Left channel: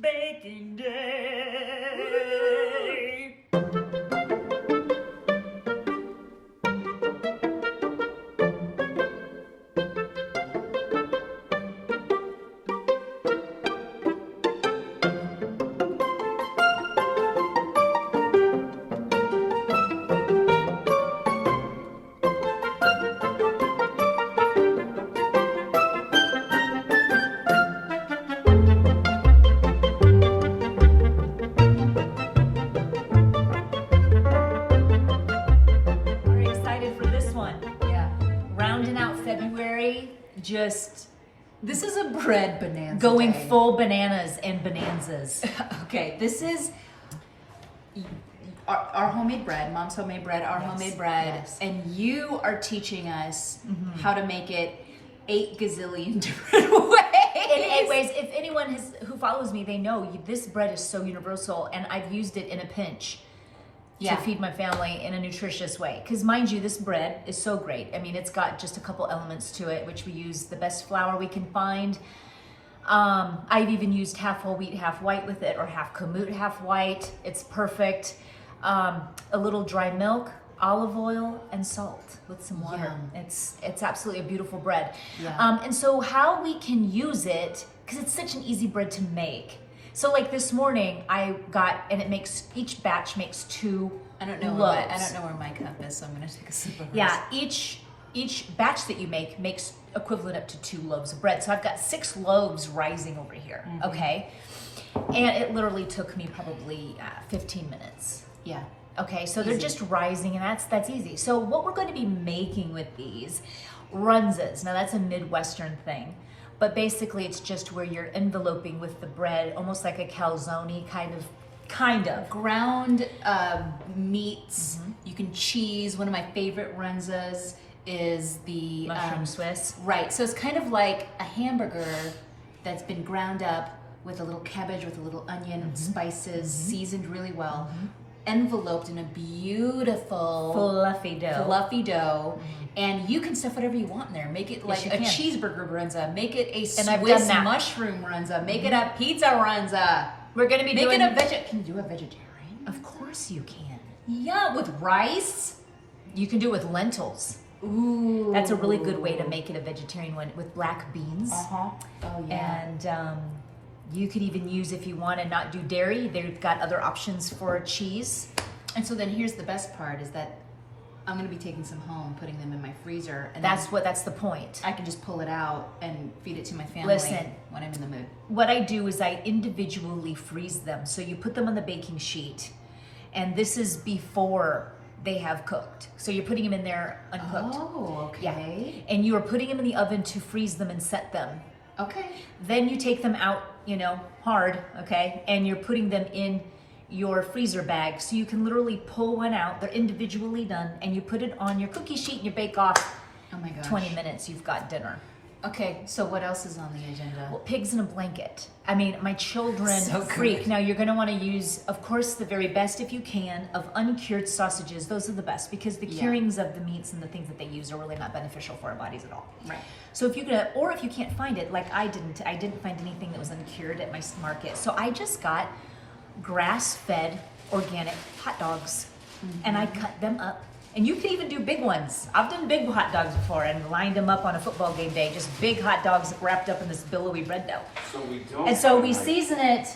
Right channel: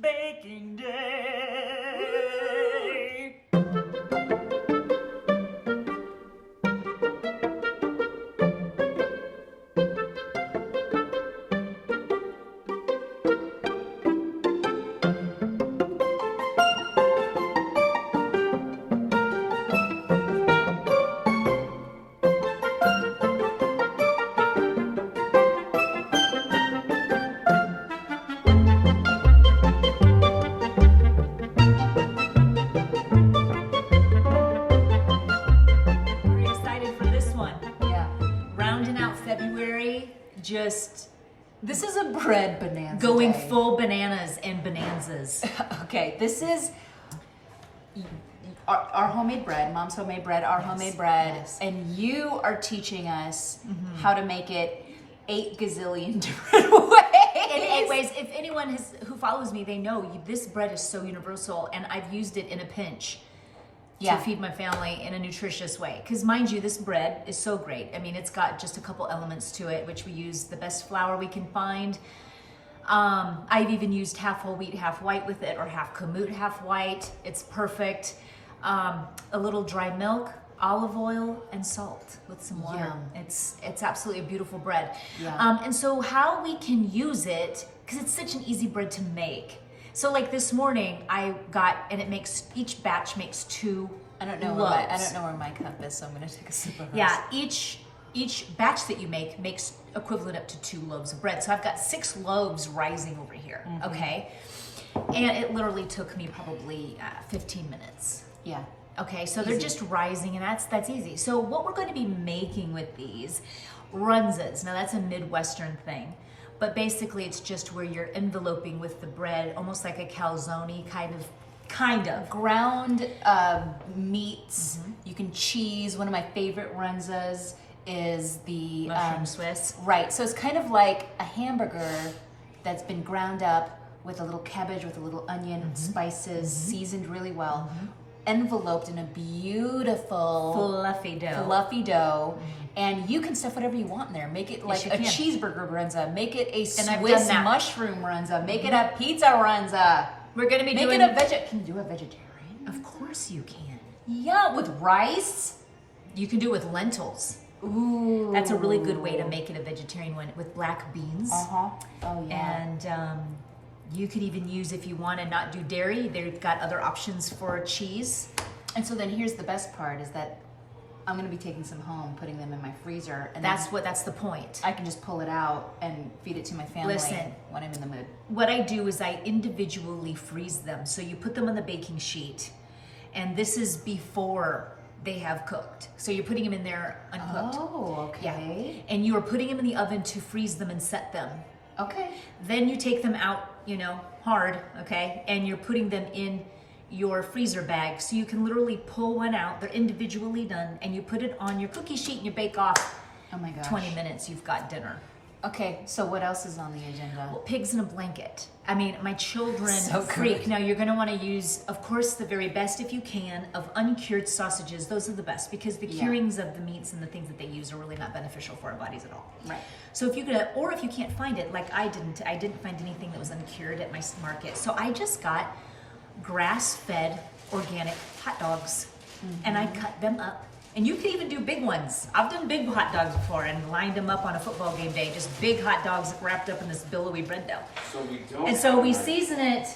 Baking day. Just this is a bread bonanza going day. full bananas and bonanzas. Okay, this is our homemade bread, Mom's homemade bread, our homemade bread, and you are teaching us how to make it 8 gazillion different ways. In 8 ways. If anyone who follows me, they know this bread is so universal, and I've used it in a pinch to feed my family in a nutritious way. Because mind you, this bread is so great. I mean, it's got just a couple elements to it, which we use the best flour we can find. I've even used half whole wheat, half white with it, or half kamut, half white. It's perfect. A little dry milk, olive oil, and salt with some water. It's absolutely a beautiful bread. And so how we can use it, because it's such an easy bread to make. So like this morning I got, and it makes, each batch makes 2 I don't know where my cup is, so I'm gonna take a sip of this. Yeah, each batch that you make makes equivalent up to 2 loaves of bread. So I've got 6 loaves rising over here, okay? And it literally took me probably 15 minutes. Yeah. Okay, so they're just rising, and that's easy. So what we're going to be making with these Runzas, now that's a Midwestern thing, but basically it's just where you're enveloping with the bread, almost like a calzone kind of. Ground meats, you can cheese. One of my favorite Runzas is the mushroom Swiss. Right, so it's kind of like a hamburger that's been ground up with a little cabbage, with a little onion, spices, seasoned really well, enveloped in a beautiful fluffy dough. And you can stuff whatever you want in there. Make it like a cheeseburger Runza, make it a and Swiss mushroom Runza, make it a pizza Runza. We're gonna be doing it Can you do a vegetarian? Of course you can. Yeah, with rice. You can do it with lentils. Ooh, that's a really good way to make it a vegetarian one, with black beans. Oh yeah. And you could even use, if you want to not do dairy, they've got other options for cheese. And so then here's the best part, is that I'm going to be taking some home, putting them in my freezer, and that's the point. I can just pull it out and feed it to my family when I'm in the mood. What I do is I individually freeze them. So you put them on the baking sheet, and this is before they have cooked. So you're putting them in there uncooked. Oh, okay. Yeah. And you are putting them in the oven to freeze them and set them. Okay. Then you take them out, hard, okay? And you're putting them in your freezer bag, so you can literally pull one out. They're individually done, and you put it on your cookie sheet and you bake off. Oh my gosh. 20 minutes, you've got dinner. Okay, so what else is on the agenda? Well, pigs in a blanket. I mean, my children so freak. good. Now you're gonna wanna use, of course, the very best, if you can, of uncured sausages. Those are the best, because the curings of the meats and the things that they use are really not beneficial for our bodies at all. Right. So if you can't find it, like I didn't find anything that was uncured at my market. So I just got grass-fed organic hot dogs, and I cut them up. And you can even do big ones. I've done big hot dogs before and lined them up on a football game day, just big hot dogs wrapped up in this billowy bread dough. So we season it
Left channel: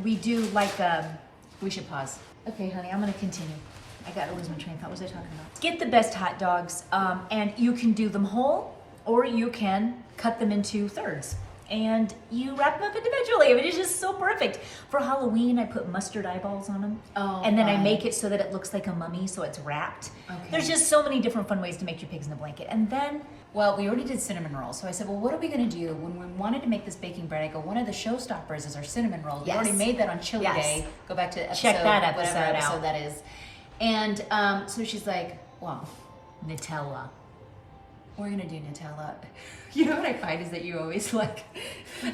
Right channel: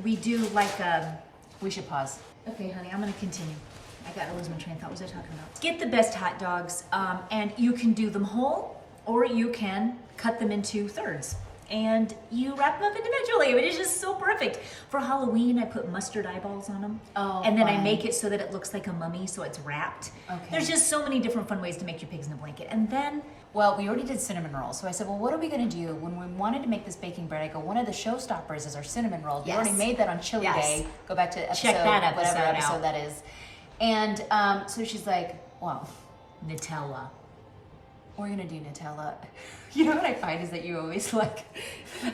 we do like, we should pause. Okay, honey, I'm gonna continue. I gotta lose my train of thought. What was I talking about? Get the best hot dogs, and you can do them whole, or you can cut them into thirds. And you wrap them up individually. I mean, it's just so perfect. For Halloween, I put mustard eyeballs on them. Oh, and then fun. I make it so that it looks like a mummy, so it's wrapped. Okay. There's just so many different fun ways to make your pigs in a blanket. And then, well, we already did cinnamon rolls. So I said, well, what are we gonna do? When we wanted to make this baking bread, I go, one of the showstoppers is our cinnamon roll. We already made that on Chili Day. Go back to episode, check that episode whatever out. episode that is. And so she's like, well, Nutella. We're gonna do Nutella. You know what I find is that you always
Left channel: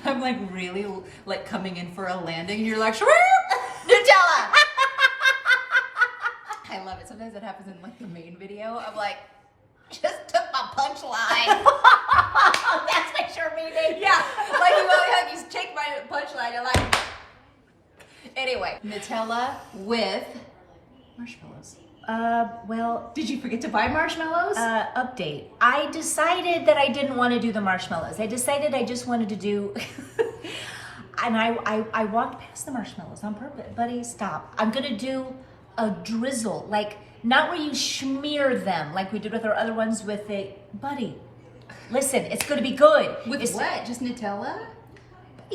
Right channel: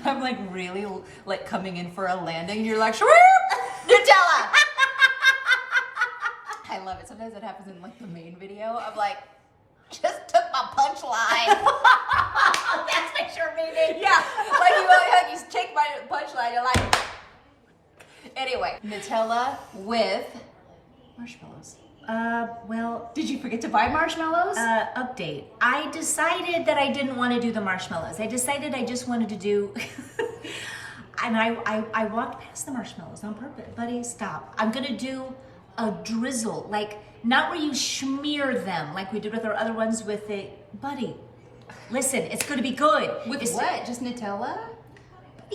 I'm like really like coming in for a landing. You're like, Nutella! I love it. Sometimes it happens in like the main video. I'm like, just took my punchline. That's my short meeting. Yeah, like you take my punchline side, you're like. Anyway, Nutella with marshmallows. Well, Did you forget to buy marshmallows? update. I decided that I didn't want to do the marshmallows. I decided I just wanted to do, and I walked past the marshmallows on purpose. Buddy, stop. I'm gonna do a drizzle, like not where you smear them like we did with our other ones with it. Buddy, listen, it's gonna be good. With It's- what? Just Nutella?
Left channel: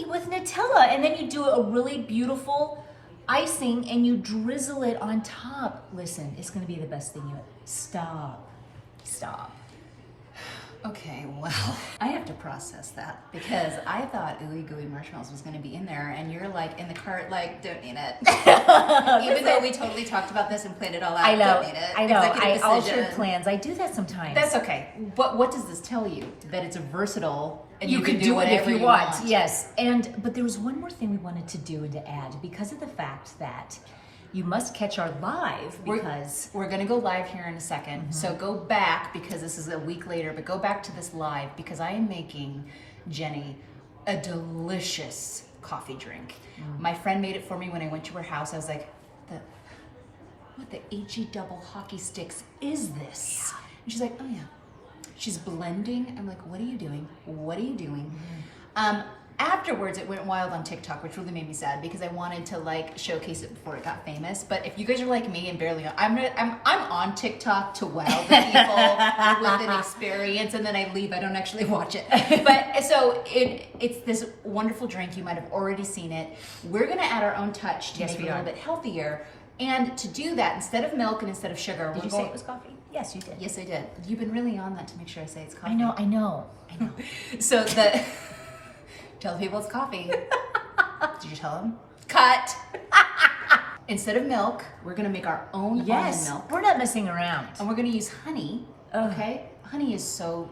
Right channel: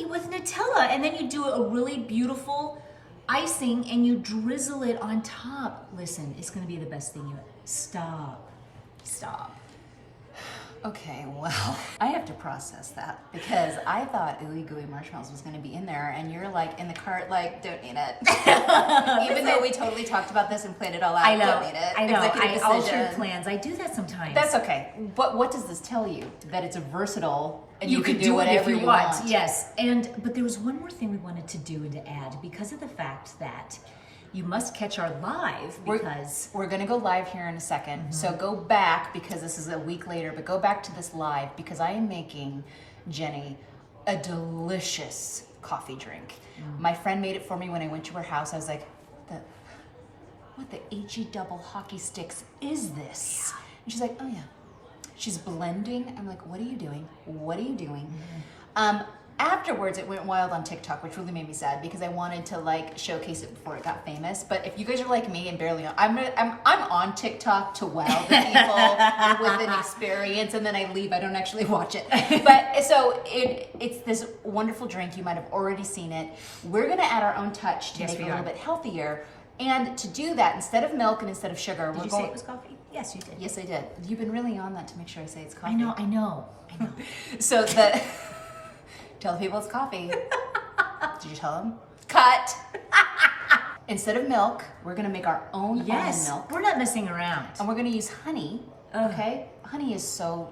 With Nutella, and then you do a really beautiful icing and you drizzle it on top. Listen, it's gonna be the best thing you ever. Stop. Okay, well, I have to process that because I thought Ooey Gooey Marshmallows was going to be in there, and you're like in the cart, like, don't need it. Even though we totally talked about this and planned it all out, I know. don't need it. I know. Executive I decision. altered plans. I do that sometimes. That's okay. But what does this tell you? That it's a versatile, and you can could do it if whatever you want. want. Yes, but there was one more thing we wanted to do and to add because of the fact that you must catch our live because We're gonna go live here in a second. So go back, because this is a week later, but go back to this live because I am making Jenny a delicious coffee drink. My friend made it for me when I went to her house. I was like, what the HE double hockey sticks is this? And she's like, oh yeah. She's blending. I'm like, what are you doing? What are you doing? Afterwards, it went wild on TikTok, which really made me sad because I wanted to like showcase it before it got famous. But if you guys are like me and barely know, I'm on TikTok to wow the people with an experience, and then I leave. I don't actually watch it. But so it's this wonderful drink. You might have already seen it. We're gonna add our own touch to Yes, make it we a little are. bit healthier. And to do that, instead of milk and instead of sugar, did you say it was coffee? Yes, you did. Yes, I did. You've been really on that to make sure I say it's coffee. I know. So tell people it's coffee. Did you tell them? Cut. Instead of milk, we're gonna make our own almond milk, We're not messing around. and we're gonna use honey. Ugh. Okay, honey is so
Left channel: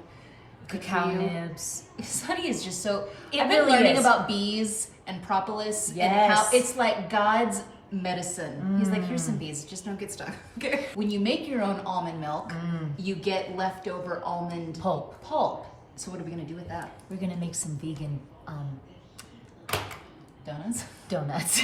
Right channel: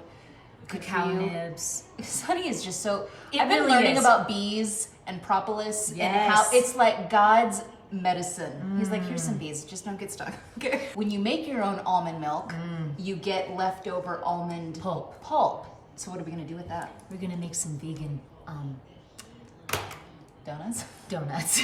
good Cacao for you. nibs. Honey is just so. It I've been really learning is. about bees and propolis and how Yes. it's like God's medicine. He's like, here's some bees, just don't get stuck. Okay. When you make your own almond milk, you get leftover almond Pulp. So what are we gonna do with that? We're gonna make some vegan Donuts? donuts.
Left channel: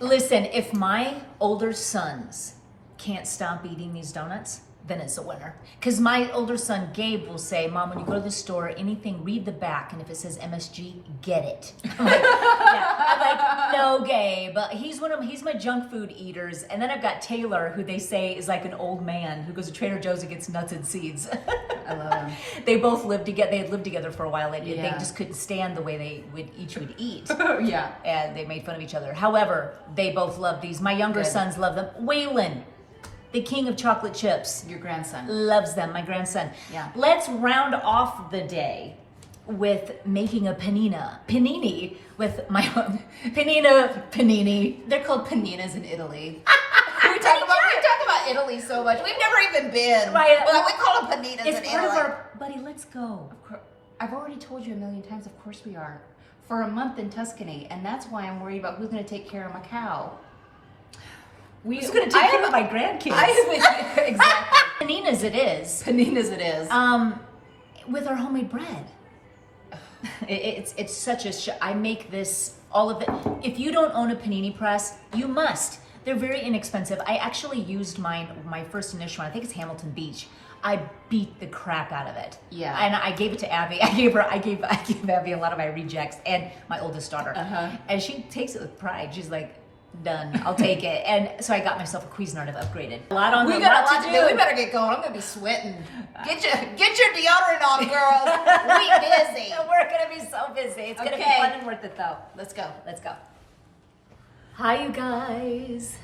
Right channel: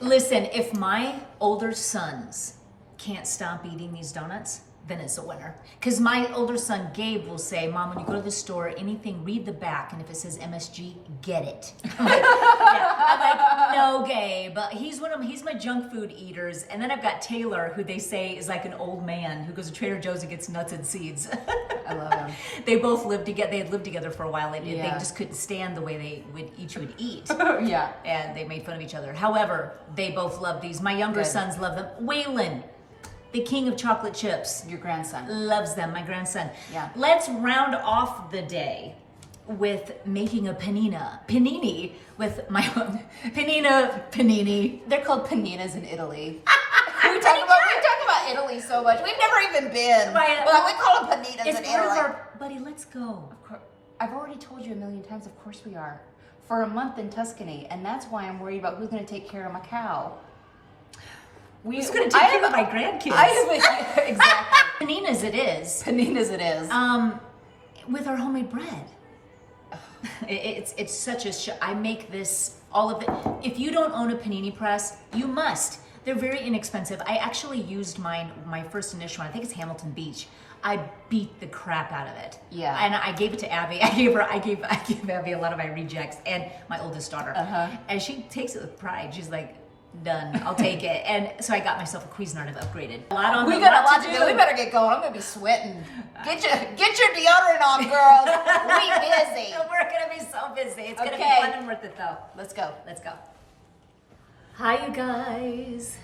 Listen, if my older sons can't stop eating these donuts, then it's a winner. Because my older son, Gabe, will say, Mom, when you go to the store, anything, read the back, and if it says MSG, get it. I'm like, I'm like, no, Gabe. He's my junk food eaters. And then I've got Taylor, who they say is like an old man who goes to Trader Joe's and gets nuts and seeds. I love them. They both lived together. They had lived together for a while, and Yeah. they just couldn't stand the way they would eat. Yeah. And they made fun of each other. However, they both love these. My younger Good. sons love them. Waylon, the king of chocolate chips, Your grandson. loves them. My grandson. Yeah. Let's round off the day with making a panini with my panini. They're called paninas in Italy. we talk about Italy so much. We've never even been. Right. Well, we call them paninas It's in part Italy. of our buddy. Let's go. I've already told you a million times, of course we are. For a month in Tuscany, and that's why I'm worried about who's going to take care of my cow. Who's going to take care of my grandkids? Exactly. Paninas it is. Paninas it is. With our homemade bread. It's such a I make this, all of it. If you don't own a panini press, you must. They're very inexpensive. I actually used my first initial one. I think it's Hamilton Beach. I beat the crap out of it. Yeah. And I gave it to Abby. I gave Abby a lot of my rejects and my oldest daughter. And she takes it with pride. She's like, done. I'll take it. And so I got myself a Cuisinart. I've upgraded. We got a lot to do. We better get going. I'm gonna be sweating. Get your deodorant on, girls. We busy. We're gonna be so busy. It's gonna be Okay. fun and worth it though. Let's go. Let's go. Hi, you guys.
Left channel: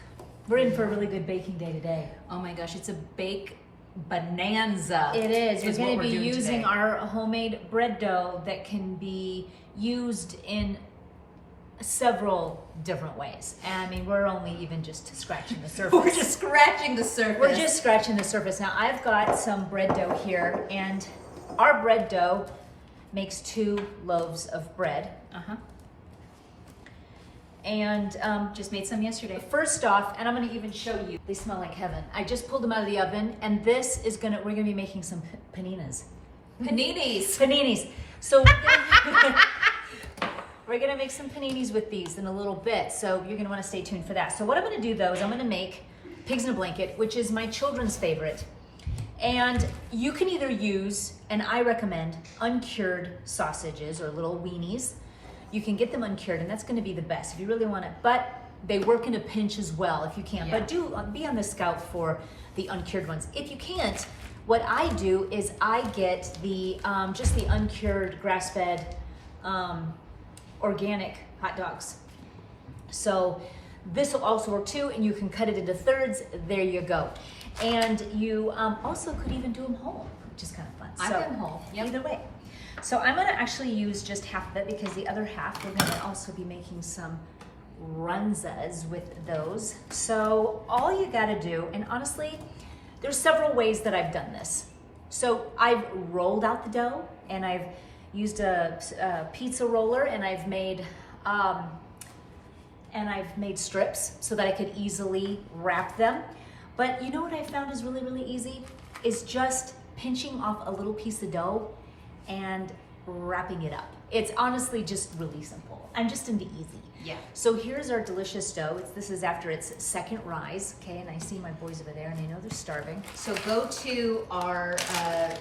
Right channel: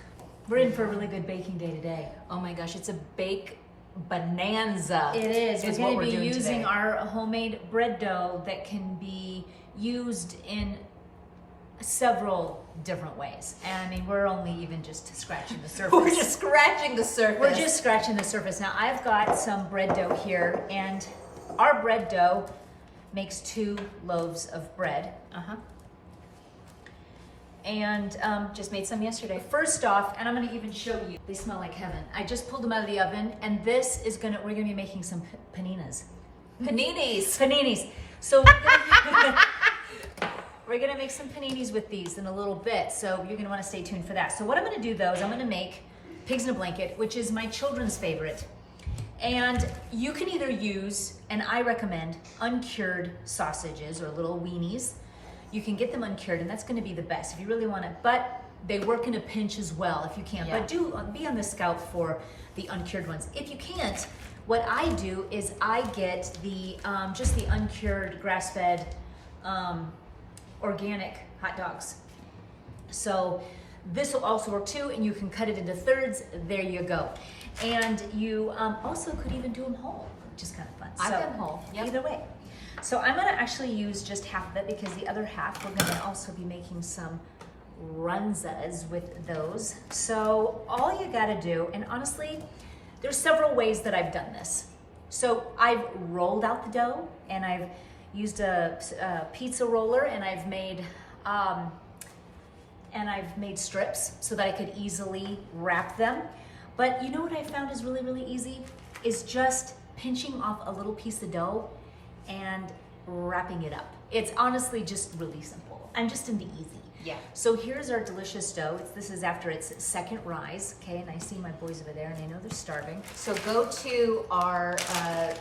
We're in for a really good baking day today. Oh my gosh, it's a bake bonanza. It is. We're what going to we're be doing using today. our homemade bread dough that can be used in several different ways. And I mean, we're only even just scratching the surface. We're just scratching the surface. We're just scratching the surface. Now, I've got some bread dough here, and our bread dough makes 2 loaves of bread. And just made some yesterday. first off, and I'm gonna even show you, they smell like heaven. I just pulled them out of the oven, and this is we're gonna be making some paninas. Paninis. Paninis. So we're gonna, We're gonna make some paninis with these in a little bit, so you're gonna wanna stay tuned for that. So what I'm gonna do though is I'm gonna make pigs in a blanket, which is my children's favorite. And you can either use, and I recommend, uncured sausages or little weenies. You can get them uncured, and that's gonna be the best if you really want it. But they work in a pinch as well if you can. Yeah. But do be on the scout for the uncured ones. If you can't, what I do is I get the just the uncured grass-fed organic hot dogs. So this will also work too, and you can cut it into thirds. There you go. And you also could even do them whole, which is kind of fun. I've done whole. Yep. Either way. So I'm gonna actually use just half of it because the other half we're gonna also be making some Runzas with those. So all you gotta do, and honestly, there's several ways that I've done this. So I've rolled out the dough, and I've used a pizza roller, and I've made strips so that I could easily wrap them. But you know what I found is really, really easy? Is just pinching off a little piece of dough and wrapping it up. It's honestly just really simple. I'm just into easy. Yeah. So here's our delicious dough. This is after its second rise, okay? And I see my boys over there, and I know they're starving. So go to our, I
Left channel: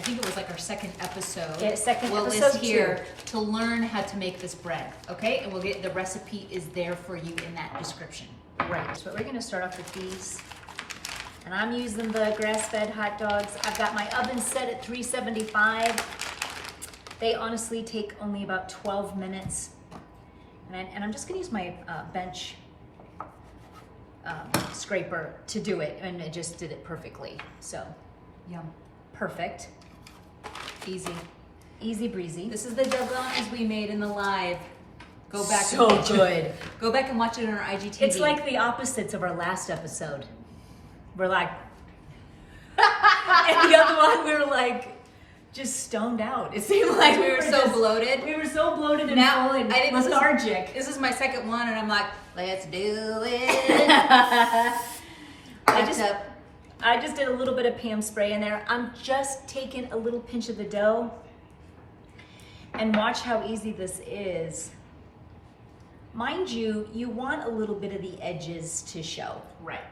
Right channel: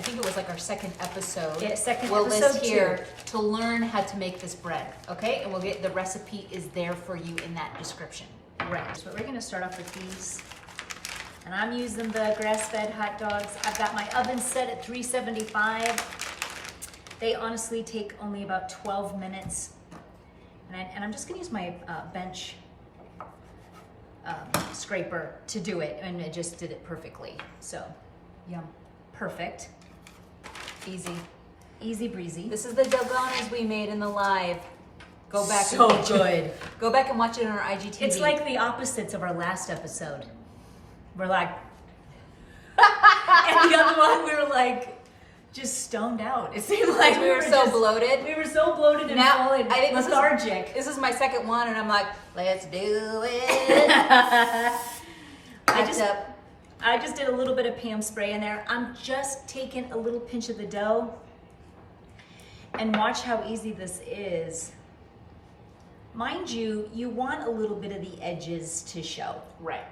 think it was like our second episode. Yeah, second we'll episode list here to learn how to make this bread, okay? And we'll get the recipe is there for you in that description. Right, so we're gonna start off with these. And I'm using the grass-fed hot dogs. I've got my oven set at 375. They honestly take only about 12 minutes. And I'm just gonna use my bench scraper to do it, and it just did it perfectly. So, Yum. perfect. Easy. Easy breezy. This is the doganas we made in the live. Go back So and watch good. it. Go back and watch it on our IGTV. It's like the opposites of our last episode. We're like, and the other one we were like, just stoned out. It seemed like we were so bloated. We were so bloated and Now, full and I think lethargic. This is my second one, and I'm like, let's do it. I just did a little bit of Pam spray in there. I'm just taking a little pinch of the dough, and watch how easy this is. Mind you, you want a little bit of the edges to show. Right.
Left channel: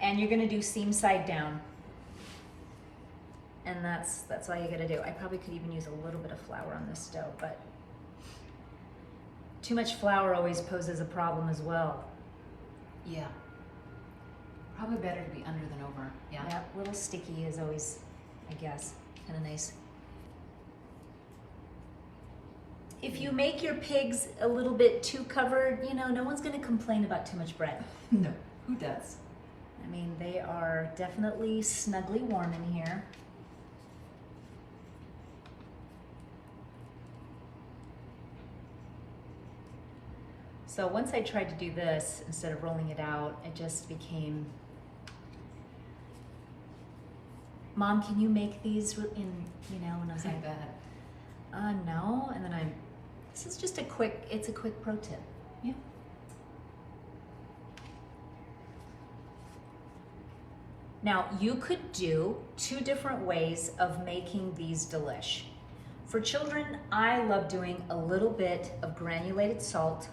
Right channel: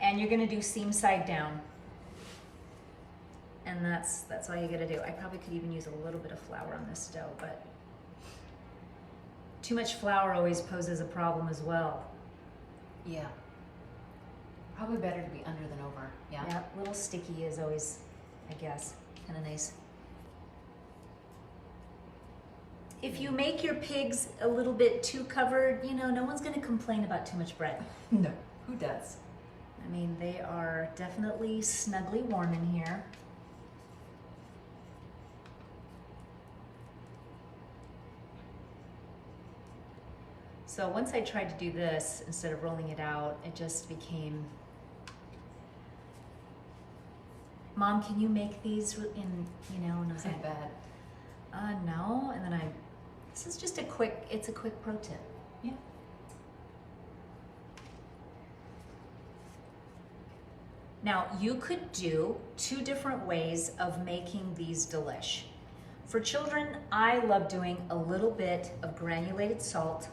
And you're gonna do seam side down. And that's all you gotta do. I probably could even use a little bit of flour on this dough, but too much flour always poses a problem as well. Yeah. Probably better to be under than over. Yeah. Yeah, a little sticky is always, I guess, kind of nice. If you make your pigs a little bit too covered, you know, no one's gonna complain about too much bread. No. Who does? I mean, they are definitely snugly warm in here. So once I tried to do this, instead of rolling it out, it just became, Mom, can you make these in, you know, and I was like, bad. No, and then this is just it's a quick pro tip. Yeah. Now, you could do two different ways of making these delish. For children, I love doing a little bit of granulated salt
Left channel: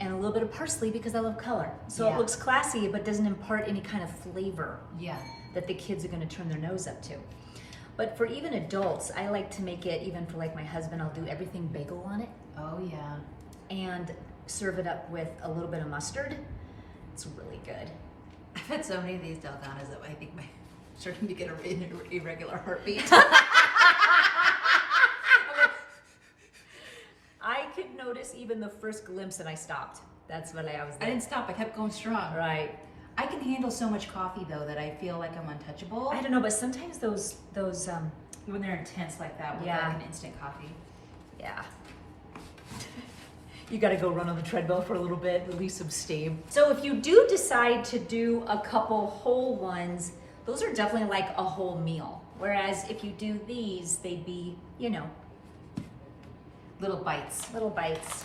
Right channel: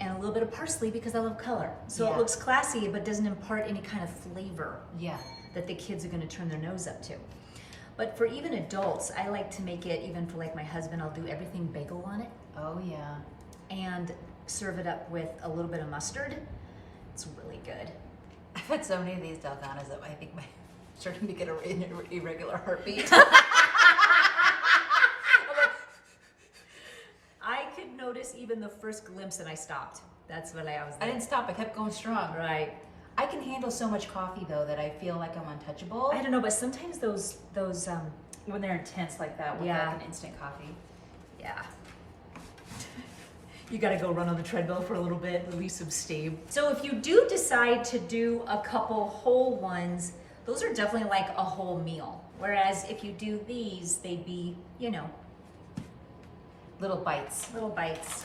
and a little bit of parsley because I love color. So Yeah. it looks classy, but doesn't impart any kind of flavor Yeah. that the kids are gonna turn their nose up to. But for even adults, I like to make it, even for like my husband, I'll do everything bagel on it Oh, yeah. and serve it up with a little bit of mustard. It's really good. I've had so many of these dalgonas that I think my starting to get an irregular heartbeat. I could notice even the first glimpse and I stopped. That's what I was I didn't stop. I kept going strong. Right. I can handle so much coffee though that I feel like I'm untouchable. I don't know, but sometimes those When they're intense like that with Yeah. like an instant coffee. yeah. You gotta go run on the treadmill for a little bit, release some steam. So if you do decide to do a couple whole ones, those are definitely like a whole meal. Whereas if you do these, they'd be, you know, Little bites. little bites.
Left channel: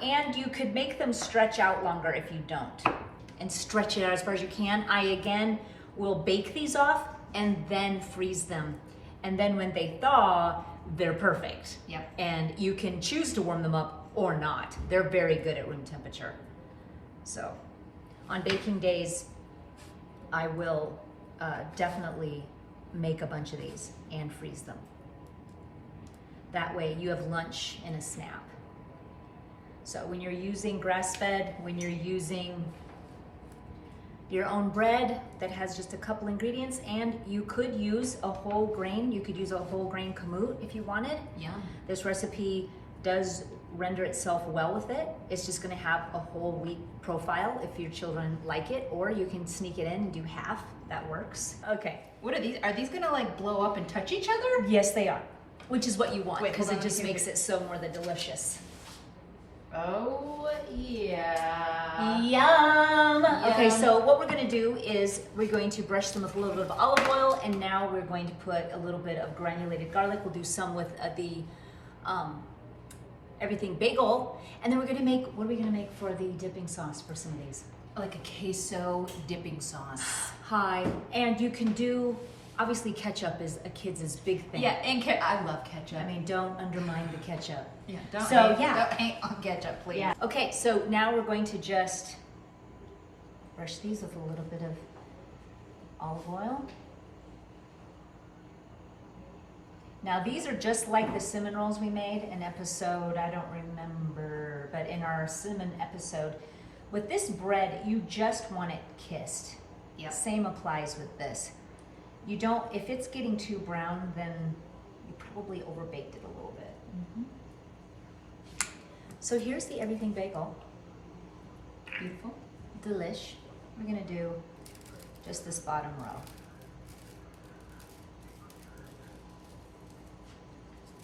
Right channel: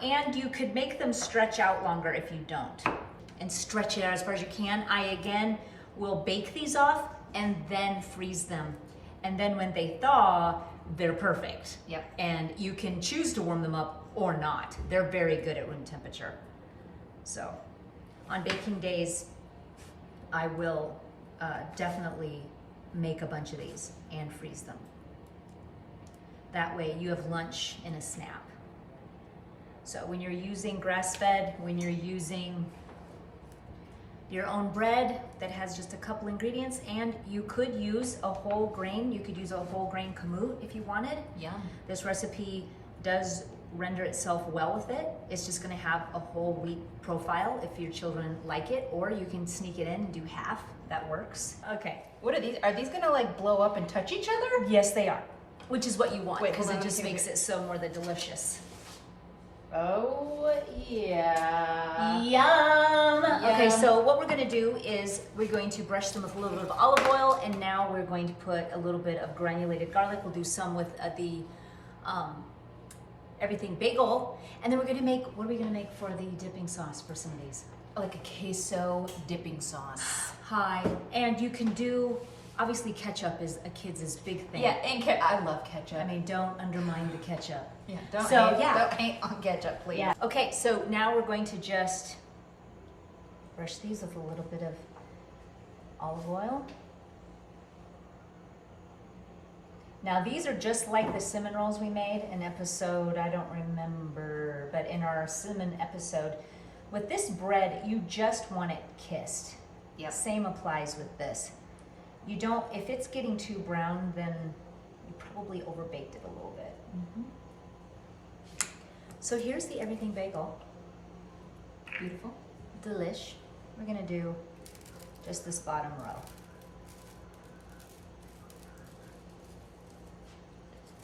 And you could make them stretch out longer if you don't. And stretch it out as far as you can. I, again, will bake these off and then freeze them. And then when they thaw, they're perfect. Yeah. And you can choose to warm them up or not. They're very good at room temperature. So on baking days, I will definitely make a bunch of these and freeze them. That way you have lunch in a snap. So when you're using grass-fed, when you're using your own bread that has just a couple ingredients, and you could use a whole grain, you could use a whole grain kamut if you wanted. Yum. This recipe does render itself well with it. It's just gonna have a whole wheat profile if your children like it, or you can sneak it in and do half, that works. Okay. What are these? Are these gonna like blow up and touch each other? Yes, they are, which is what you want, Wait, because hold it on, just here makes we- it so more the delicious. Oh, yeah. Yum. Okay, Yum. so what we're gonna do is we're going to brush them with a little bit of olive oil, and now we're going to put a little bit of granulated garlic. We'll do some with the everything bagel, and then we're gonna make, what are we gonna make for the dipping sauce for some of these? Like a queso dipping sauce. Hi, and you can do, obviously ketchup is a kid's big thing. Yeah, and I love ketchup. I mean, don't undermine the ketchup. yeah, don't so, hate, yeah. don't hate on ketchup, please. Yeah. Okay, so now we're going to just brush these with a little bit of olive oil. Now these are just like the cinnamon rolls we made in episode, I don't remember, but in our cinnamon episode. With this bread, you just want it kissed. Yep. Same applies with this. You don't, if it's getting too brown, then you probably overbaked it a little bit. Mm-hmm. So here's the everything bagel. Beautiful. Delish. We're gonna do just this bottom row.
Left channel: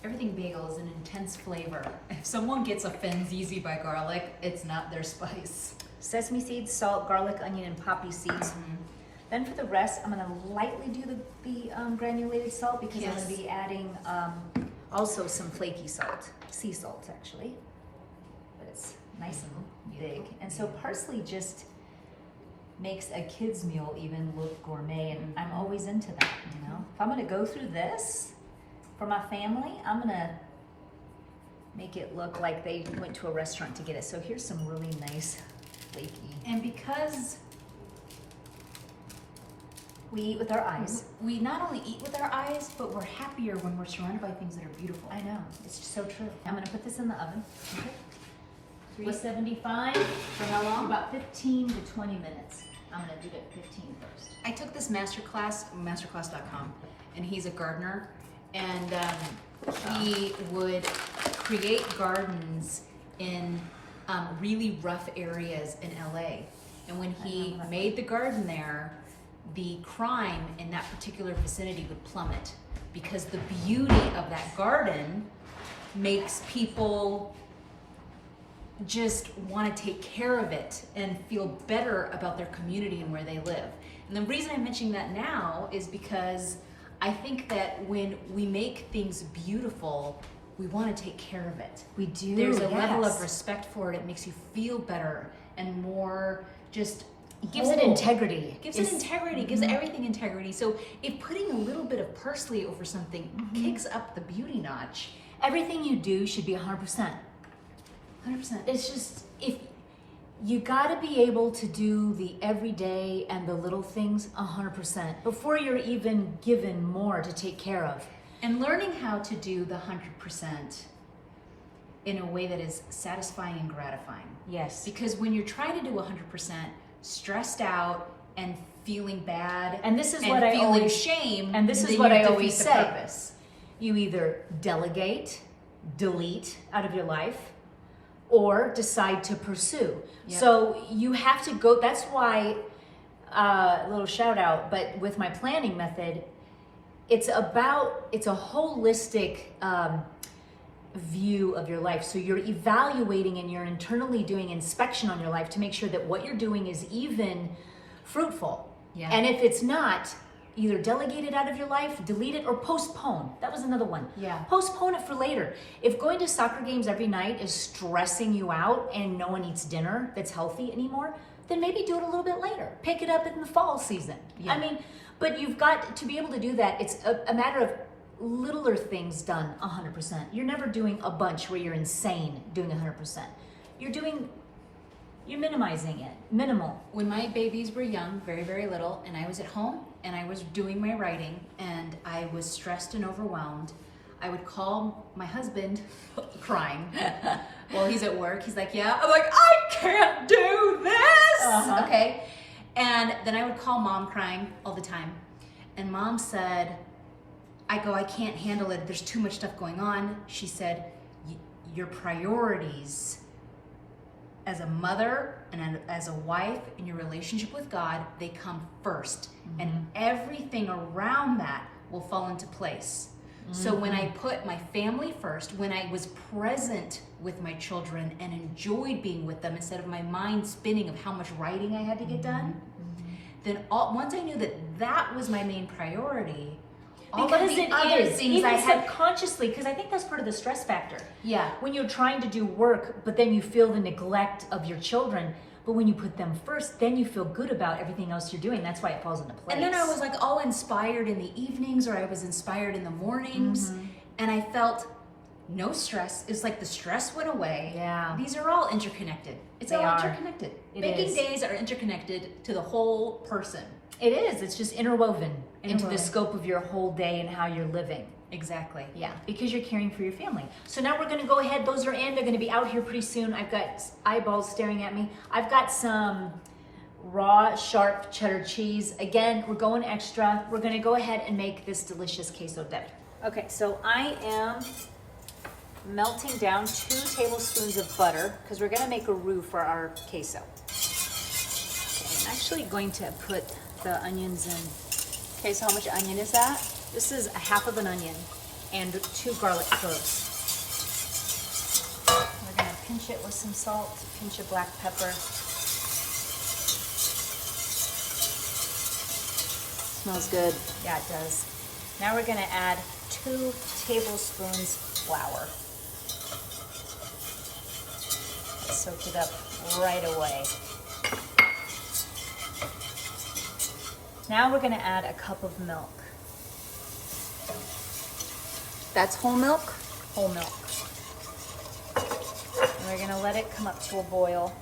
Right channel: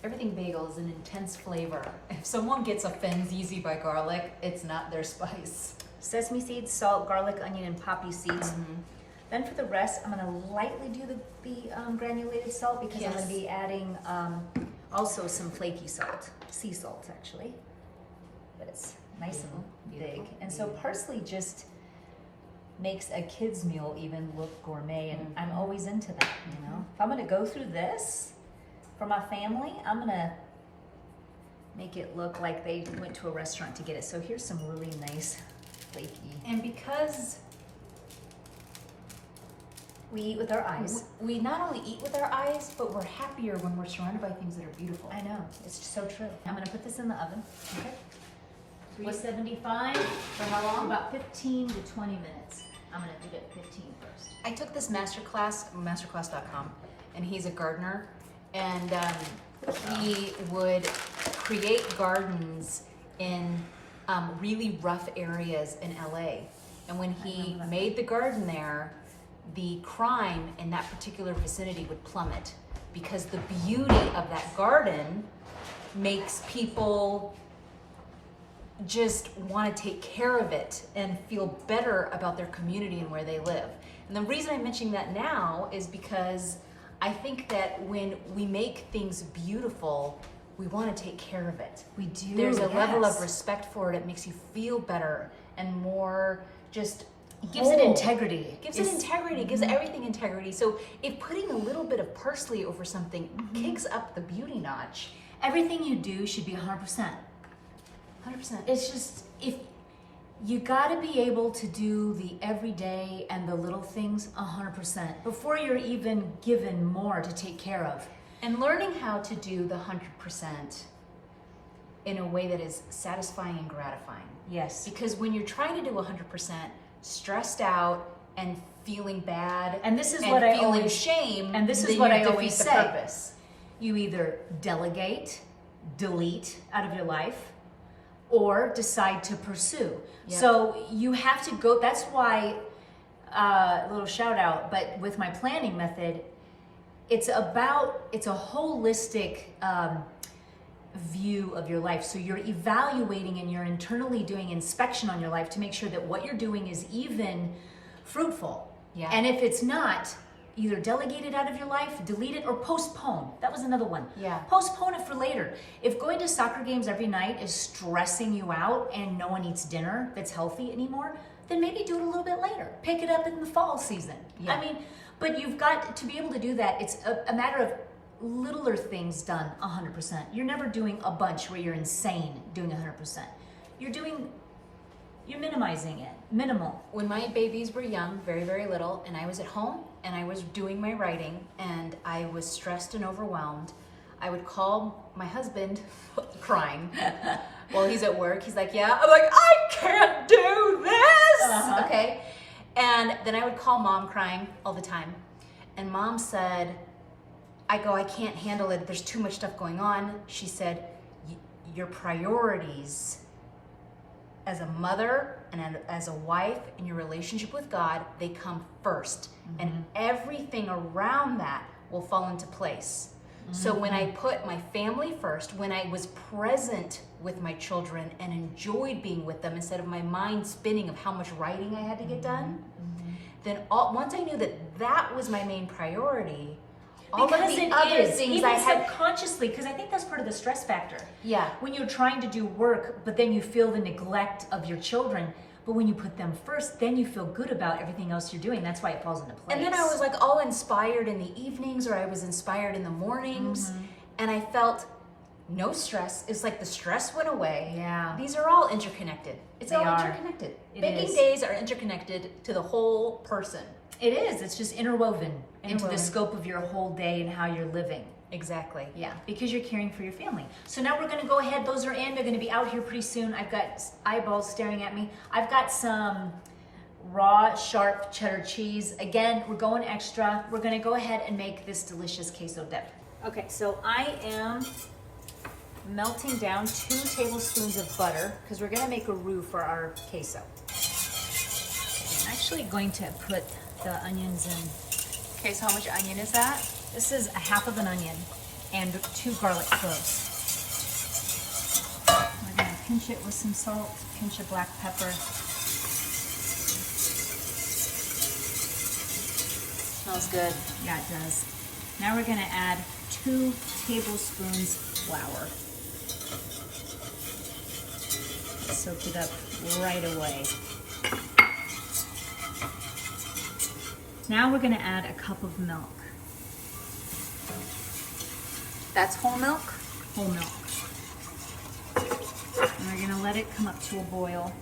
Everything bagel is an intense flavor. If someone gets offended easy by garlic, it's not their spice. Sesame seeds, salt, garlic, onion, and poppy seeds. Mm-hmm. Then for the rest, I'm gonna lightly do the granulated salt because I'm Yes. gonna be adding also some flaky salt, sea salt actually, but it's nice and big. Beautiful. And so parsley just makes a kid's meal even look gourmet, and I'm always into that, you know? If I'm gonna go through this for my family, I'm gonna make it look like they went to a restaurant to get it. So here's some really nice flaky. And because We eat with our eyes. we not only eat with our eyes, but we're happier when we're surrounded by things that are beautiful. I know, it's so true. I'm gonna put this in the oven. Okay. 375 for how long? About 15 to 20 minutes. I'm gonna do it 15 first. I took this masterclass, masterclass.com, and he's a gardener, and he would create gardens in really rough areas in LA. And when he made the garden there, the crime in that particular vicinity would plummet because the beauty of that garden makes people just want to take care of it and feel better about their community and where they live. And the reason I'm mentioning that now is because I think that when we make things beautiful, we want to take care of it. We do. There's a level of yes. respect for it. It makes you feel better and more just It gives it whole. integrity. Gives it integrity, gives everything integrity. So if putting a little bit of parsley over something kicks up the beauty notch, Everything you do should be 100%. 100%. It's just, if you gotta be able to do the everyday and the little things 100% before you're even given more to take care of. And learning how to do the 100% in a way that is satisfying and gratifying. Yes. Because when you're trying to do 100%, stressed out and feeling bad, And this is and what I feeling always shame, And this is then what you I always defeat the say. purpose. You either delegate, delete out of your life, or decide to pursue. Yep. So you have to go, that's why, a little shout out, but with my planning method, it's a holistic view of your life. So you're evaluating and you're internally doing inspection on your life to make sure that what you're doing is even fruitful. Yeah. And if it's not, either delegate it out of your life, delete it, or postpone. That was another one. Yeah. Postpone it for later. If going to soccer games every night is stressing you out and no one eats dinner that's healthy anymore, then maybe do it a little bit later. Pick it up in the fall season. Yeah. I mean, but you've got to be able to do that. It's a matter of littler things done 100%. You're never doing a bunch where you're insane doing 100%. You're minimizing it, minimal. When my babies were young, very, very little, and I was at home and I was doing my writing and I was stressed and overwhelmed, I would call my husband crying while he's at work. He's like, yeah. I'm like, I can't do this. Okay. And then I would call mom crying all the time. And mom said, I can't handle it. There's too much stuff going on. She said, your priorities as a mother and as a wife in your relationship with God, they come first. And everything around that will fall into place. So when I put my family first, when I was present with my children and enjoyed being with them instead of my mind spinning of how much writing I had to get done, then once I knew that was my main priority, all because of the it other is, things even I had subconsciously, because I think that's part of the stress factor. Yeah. When you're trying to do work, but then you feel the neglect of your children, but when you put them first, then you feel good about everything else you're doing. That's why it falls into place. And then I was like all inspired in the evenings, or I was inspired in the mornings, and I felt no stress. It's like the stress went away. Yeah. These are all interconnected. It's all interconnected. Baking days are interconnected to the whole person. It is. It's just interwoven into the scope of your whole day and how you're living. Exactly. Yeah, because you're caring for your family. So now we're gonna go ahead. Those are in. They're gonna be out here pretty soon. I've got eyeballs staring at me. I've got some raw, sharp cheddar cheese. Again, we're going extra. We're gonna go ahead and make this delicious queso dip. Okay, so I am melting down 2 tablespoons of butter because we're gonna make a roux for our queso. Okay, I'm actually going to put the onions in. Okay, so how much onion is that? This is 1/2 of an onion and 2 garlic cloves. We're gonna pinch it with some salt, pinch of black pepper. Smells good. Yeah, it does. Now we're gonna add 2 tablespoons flour. Soak it up right away. Now we're gonna add a cup of milk. That's whole milk? Whole milk. And we're gonna let it come up to a boil.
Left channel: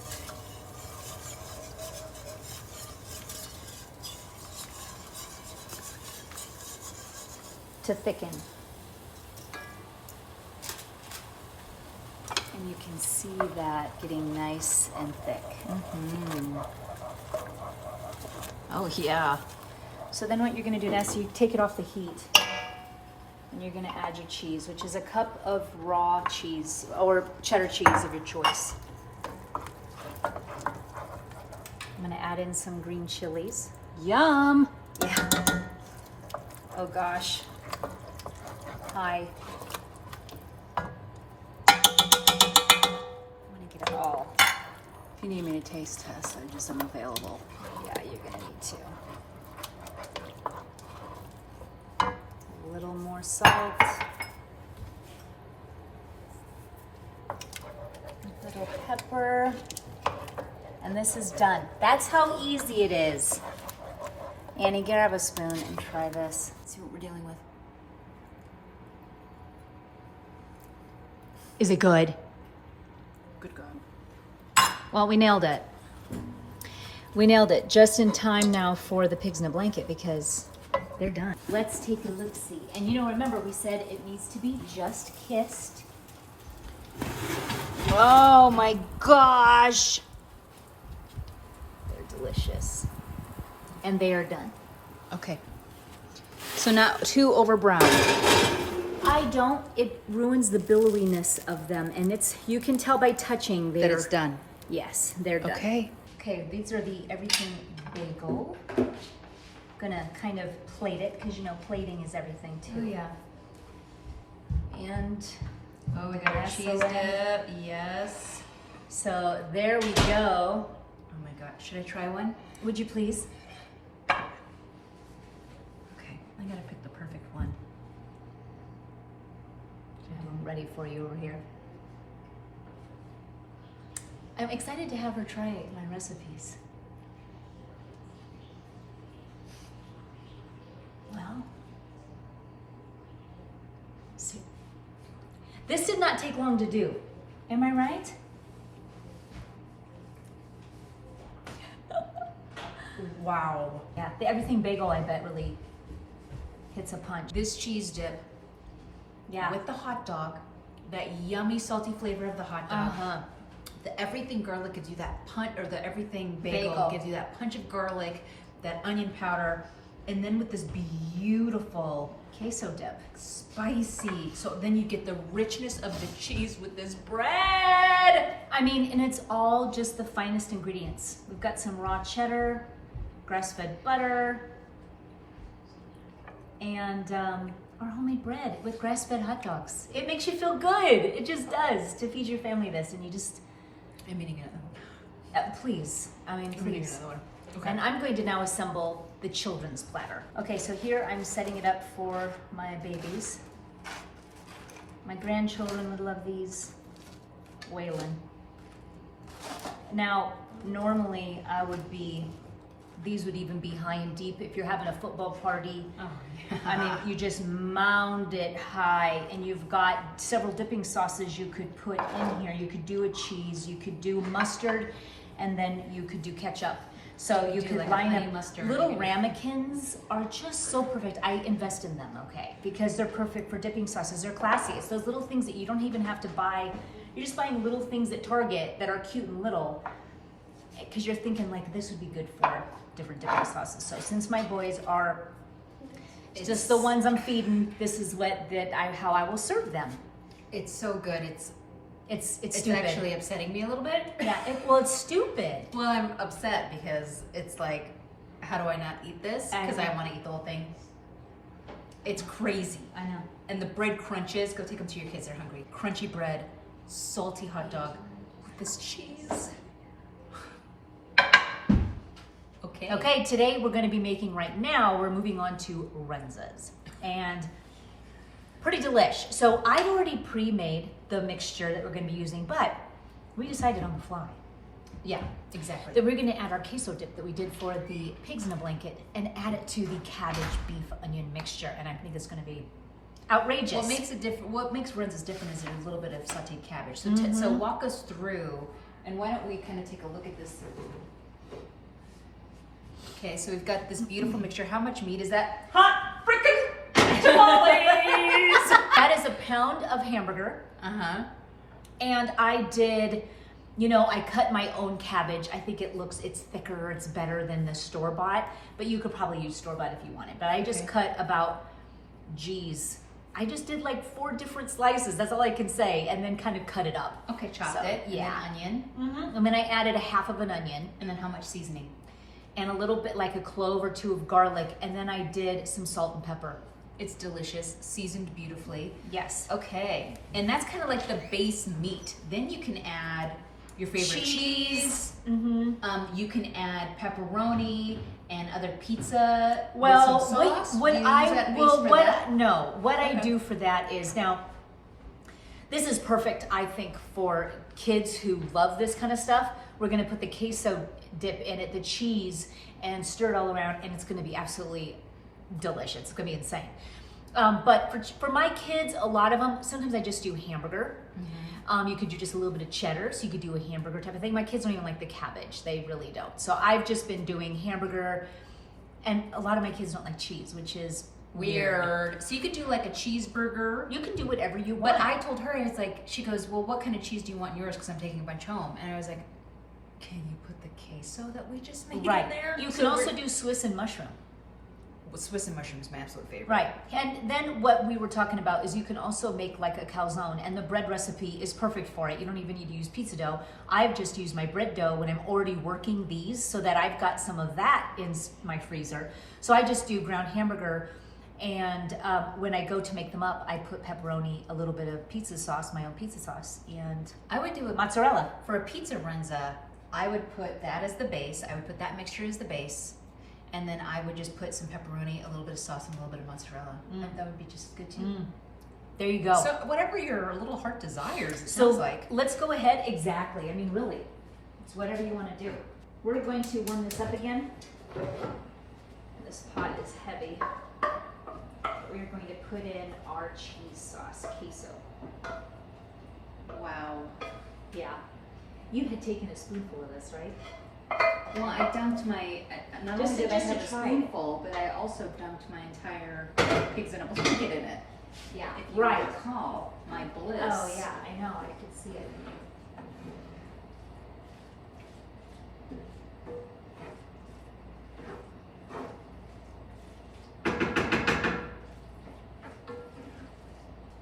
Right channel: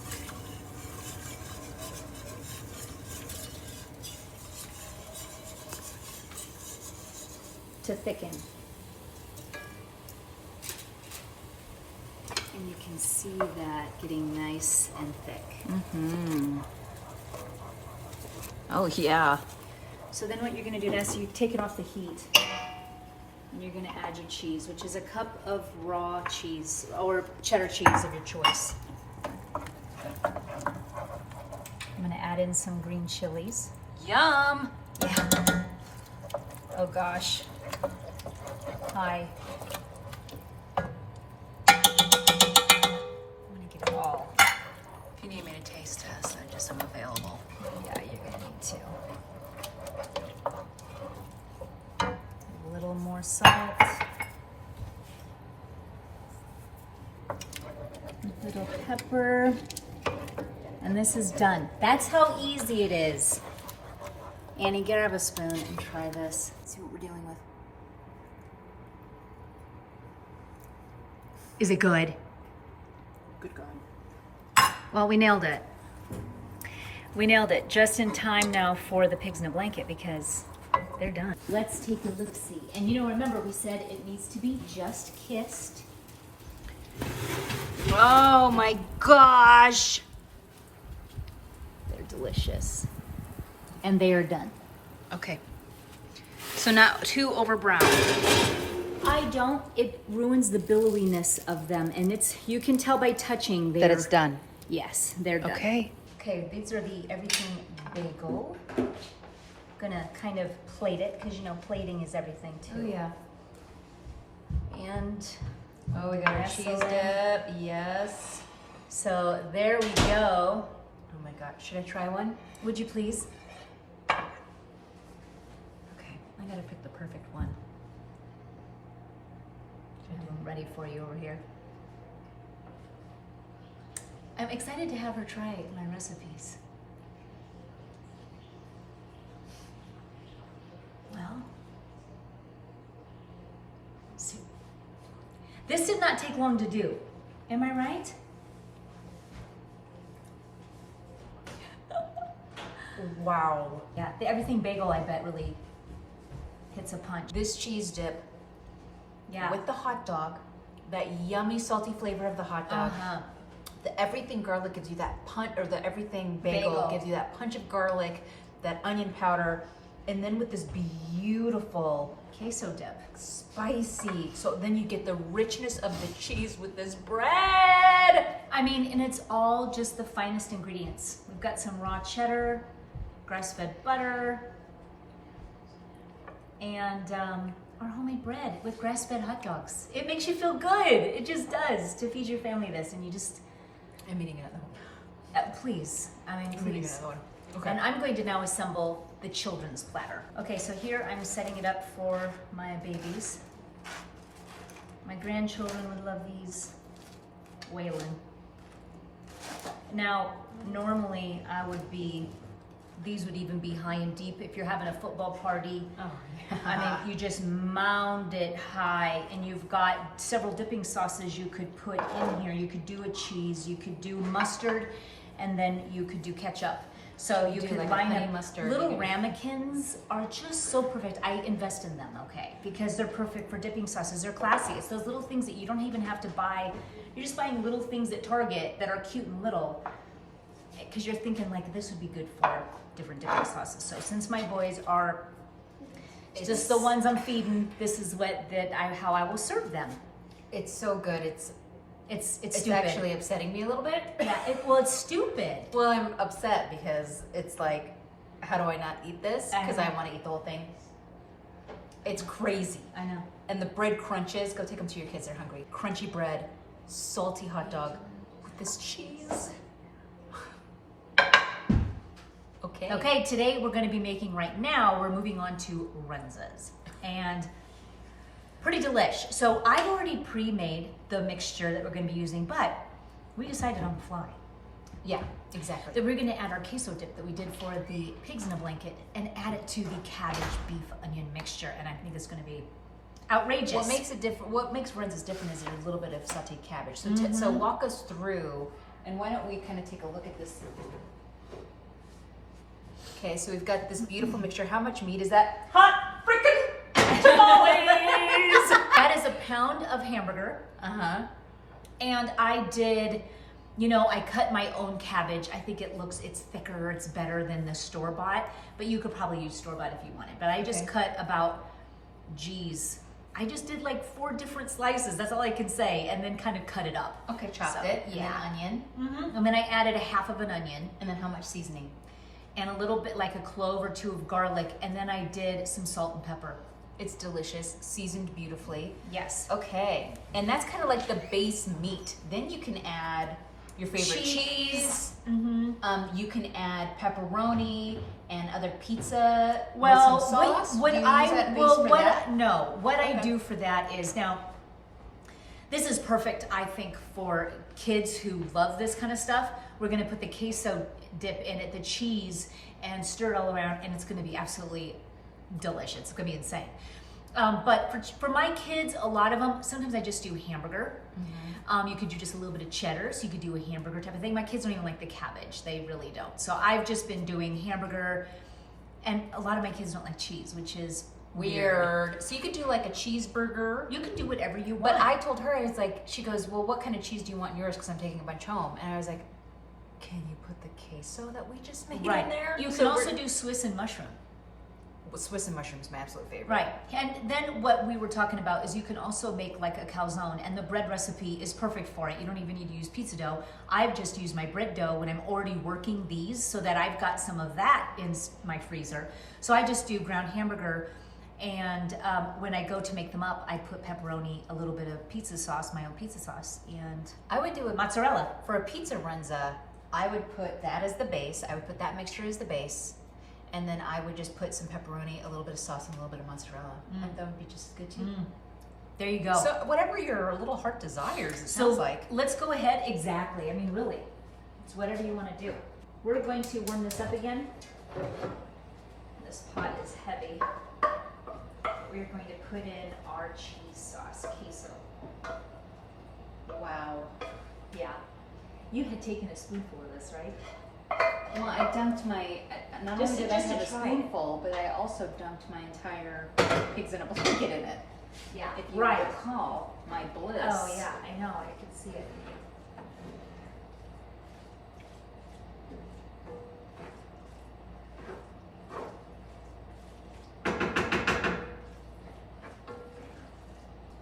To thicken. And you can see that getting nice and thick. Oh, yeah. So then what you're gonna do now, so you take it off the heat. And you're gonna add your cheese, which is a cup of raw cheese or cheddar cheese of your choice. I'm gonna add in some green chilies. Yum. Yeah. Oh gosh. Hi. I'm gonna get it all. If you need me to taste test, I'm available. Yeah, you're gonna need to. A little more salt. A little pepper. And this is done. That's how easy it is. Annie, grab a spoon and try this. See what we're dealing with. Is it good? Good God. Well, we nailed it. We nailed it just in time now for the pigs in a blanket because they're done. Let's take a look-see. And you know, remember we said it needs to be just kissed. Oh my gosh. They're delicious. And they are done. Okay. So not too over brown. I don't. It ruins the billowiness of them. And you can tell by touching That it's done. Yes, they're done. Okay. Okay, these are the everything bagel. Gonna kind of plate it because you know plating is everything too. Oh, yeah. And Oh, we got our cheese dip. Yes. so there we go. Oh my God. Should I try one? Would you please? Okay. I gotta pick the perfect one. I have them ready for you over here. I'm excited to have her try my recipes. Well, This did not take long to do. Am I right? Wow. Yeah, the everything bagel, I bet, really hits a punch. This cheese dip Yeah. with the hot dog, that yummy salty flavor of the hot dog. Uh-huh. The everything garlic gives you that punch, or the everything bagel, Bagel. gives you that punch of garlic, that onion powder, and then with this beautiful Queso dip. spicy. So then you get the richness of the cheese with this bread. I mean, and it's all just the finest ingredients. We've got some raw cheddar, grass-fed butter, and our homemade bread with grass-fed hot dogs. It makes you feel good. It just does, to feed your family this, and you just, I'm eating another one. please, I mean, I'm eating please. another one. Okay. And I'm going to now assemble the children's platter. Okay, so here I'm setting it up for my babies. My grandchildren would love these. Waylon. Now, normally these would even be high and deep if you're having a football party. Oh, I mean, you just mound it high, and you've got several dipping sauces you could put in here. You could do a cheese, you could do mustard, and then you could do ketchup. So you do could like a line honey up. mustard, Little maybe. ramekins are just so perfect. I invest in them, okay, because they're perfect for dipping sauces. They're classy. It's those little things that you don't even have to buy. You're just buying little things at Target that are cute and little, because you're thinking like this would be good for different dipping sauces. So since my boys are just the ones I'm feeding, this is how I will serve them. It's so good. It's It's stupid. actually upsetting me a little bit. Yeah, it's stupid. Well, I'm upset because it's like, how do I not eat this? I Because I know. want to eat the whole thing. It's crazy. I know. And the bread crunches. Go take them to your kids. They're hungry. Crunchy bread, salty hot dog with this cheese. Okay. Okay, today we're going to be making we're moving on to Runzas. And pretty delish. So I'd already pre-made the mixture that we're going to be using, but we decided on the fly Yeah, exactly. that we're going to add our queso dip that we did for the pigs in a blanket and add it to the cabbage, beef, onion mixture. And I think it's going to be outrageous. What makes it different? What makes Runzas different is there's a little bit of sauteed cabbage. So, Mm-hmm. so walk us through, and why don't we kind of take a look at this? Okay, so we've got this beautiful mixture. How much meat is that? hot freaking tamales? That is a pound of hamburger. Uh-huh. And I did, I cut my own cabbage. I think it's thicker, it's better than the store-bought, but you could probably use store-bought if you wanted. But I just cut about, I just did like 4 different slices, that's all I can say, and then kind of cut it up. Okay, chopped So, it. yeah. And then onion. Mm-hmm. And then I added a half of an onion And then how much seasoning? and a little bit like a clove or 2 of garlic, and then I did some salt and pepper. It's delicious, seasoned beautifully. Yes. Okay, and that's kind of like the base meat. Then you can add your favorite cheese. Mm-hmm. You can add pepperoni and other pizza. Well, with some sauce. what Do you I use that base well, for what that? I, no, what I Okay. do for that is now. This is perfect, I think, for kids who love this kind of stuff. We're gonna put the queso dip in it, the cheese, and stir it all around, and it's gonna be absolutely delicious. It's gonna be insane. But for my kids, a lot of them, sometimes I just do hamburger. You could do just a little bit of cheddar, so you could do a hamburger type of thing. My kids don't even like the cabbage. They really don't. So I've just been doing hamburger, and a lot of my kids don't like cheese, which is weird. So you could do like a cheeseburger. You can do whatever you want. But I told her, it's like, she goes, well, what kind of cheese do you want in yours? Because I'm taking a bunch home. And I was like, can you put the queso that we just made right. in there? You can So also we're- do Swiss and mushroom. Swiss and mushroom is my absolute favorite. Right. And then what we were talking about is you can also make like a calzone, and the bread recipe is perfect for it. You don't even need to use pizza dough. I've just used my bread dough when I'm already working these, so that I've got some of that in my freezer. So I just do ground hamburger, and when I go to make them up, I put pepperoni, a little bit of pizza sauce, my own pizza sauce, and I would do it mozzarella. for a pizza runza. I would put that as the base. I would put that mixture as the base. And then I would just put some pepperoni, a little bit of sauce, and a little bit of mozzarella. And that would be just as good too. There you go. So whatever your little heart desires, it So sounds like. let's go ahead. Exactly. I mean, really, it's whatever you want to do. We're going to warm this up again. This pot is heavy. We're going to put in our cheese sauce, queso. Yeah. You had taken a spoonful of this, right? Well, I dumped my, not Just- only did I just to have a try it. spoonful, but I also dumped my entire pigs in a blanket in it. Yeah. If you Right. recall, my bliss. Oh yeah, I know. I could see it.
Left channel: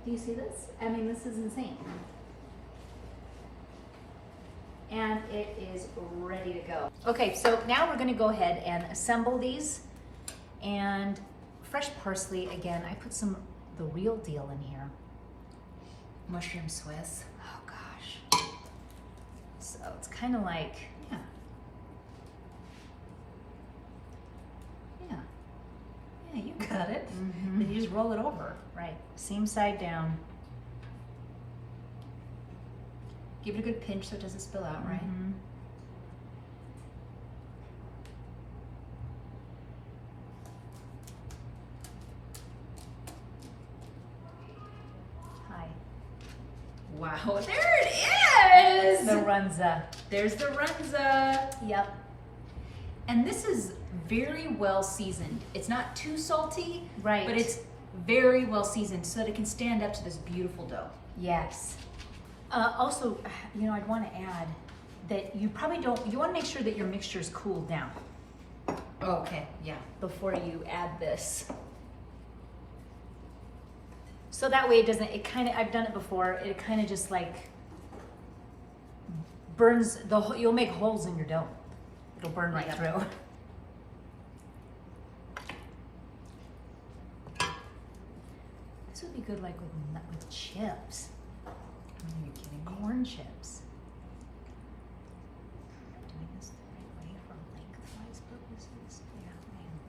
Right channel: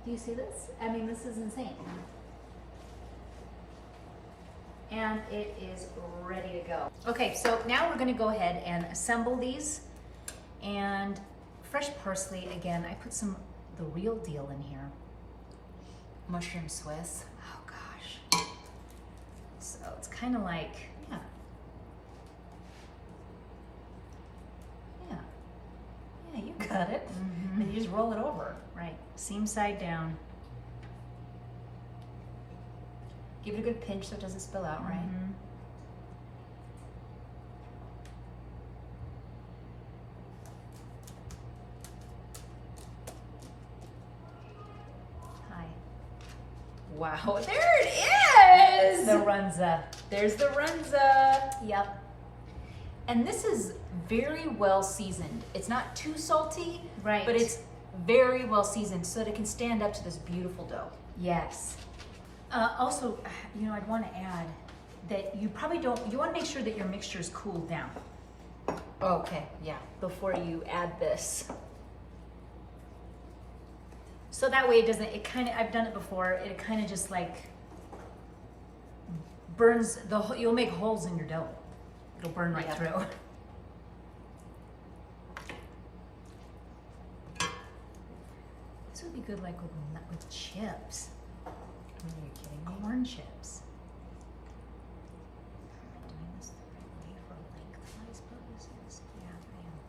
Do you see this? I mean, this is insane. And it is ready to go. Okay, so now we're gonna go ahead and assemble these. And fresh parsley, again, I put the real deal in here. Mushroom Swiss. Oh gosh. So it's kind of like, Yeah. Yeah. Yeah, you got it. Mhm. Then you just roll it over. right, seam side down. Give it a good pinch so it doesn't spill out, right? Mhm. Hi. Wow, there it is! The Runza. There's the Runza. Yep. And this is very well seasoned. It's not too salty, Right. but it's very well seasoned so that it can stand up to this beautiful dough. Yes. Also, you know, I'd want to add that you probably don't, you want to make sure that your mixture is cooled down Okay, yeah. before you add this. So that way it doesn't, it kind of, I've done it before, it kind of just like burns, you'll make holes in your dough. It'll burn right Yeah. through. This would be good like with chips, Are you kidding me? corn chips. Am I doing this the right way for lengthwise purposes? Yeah, I am.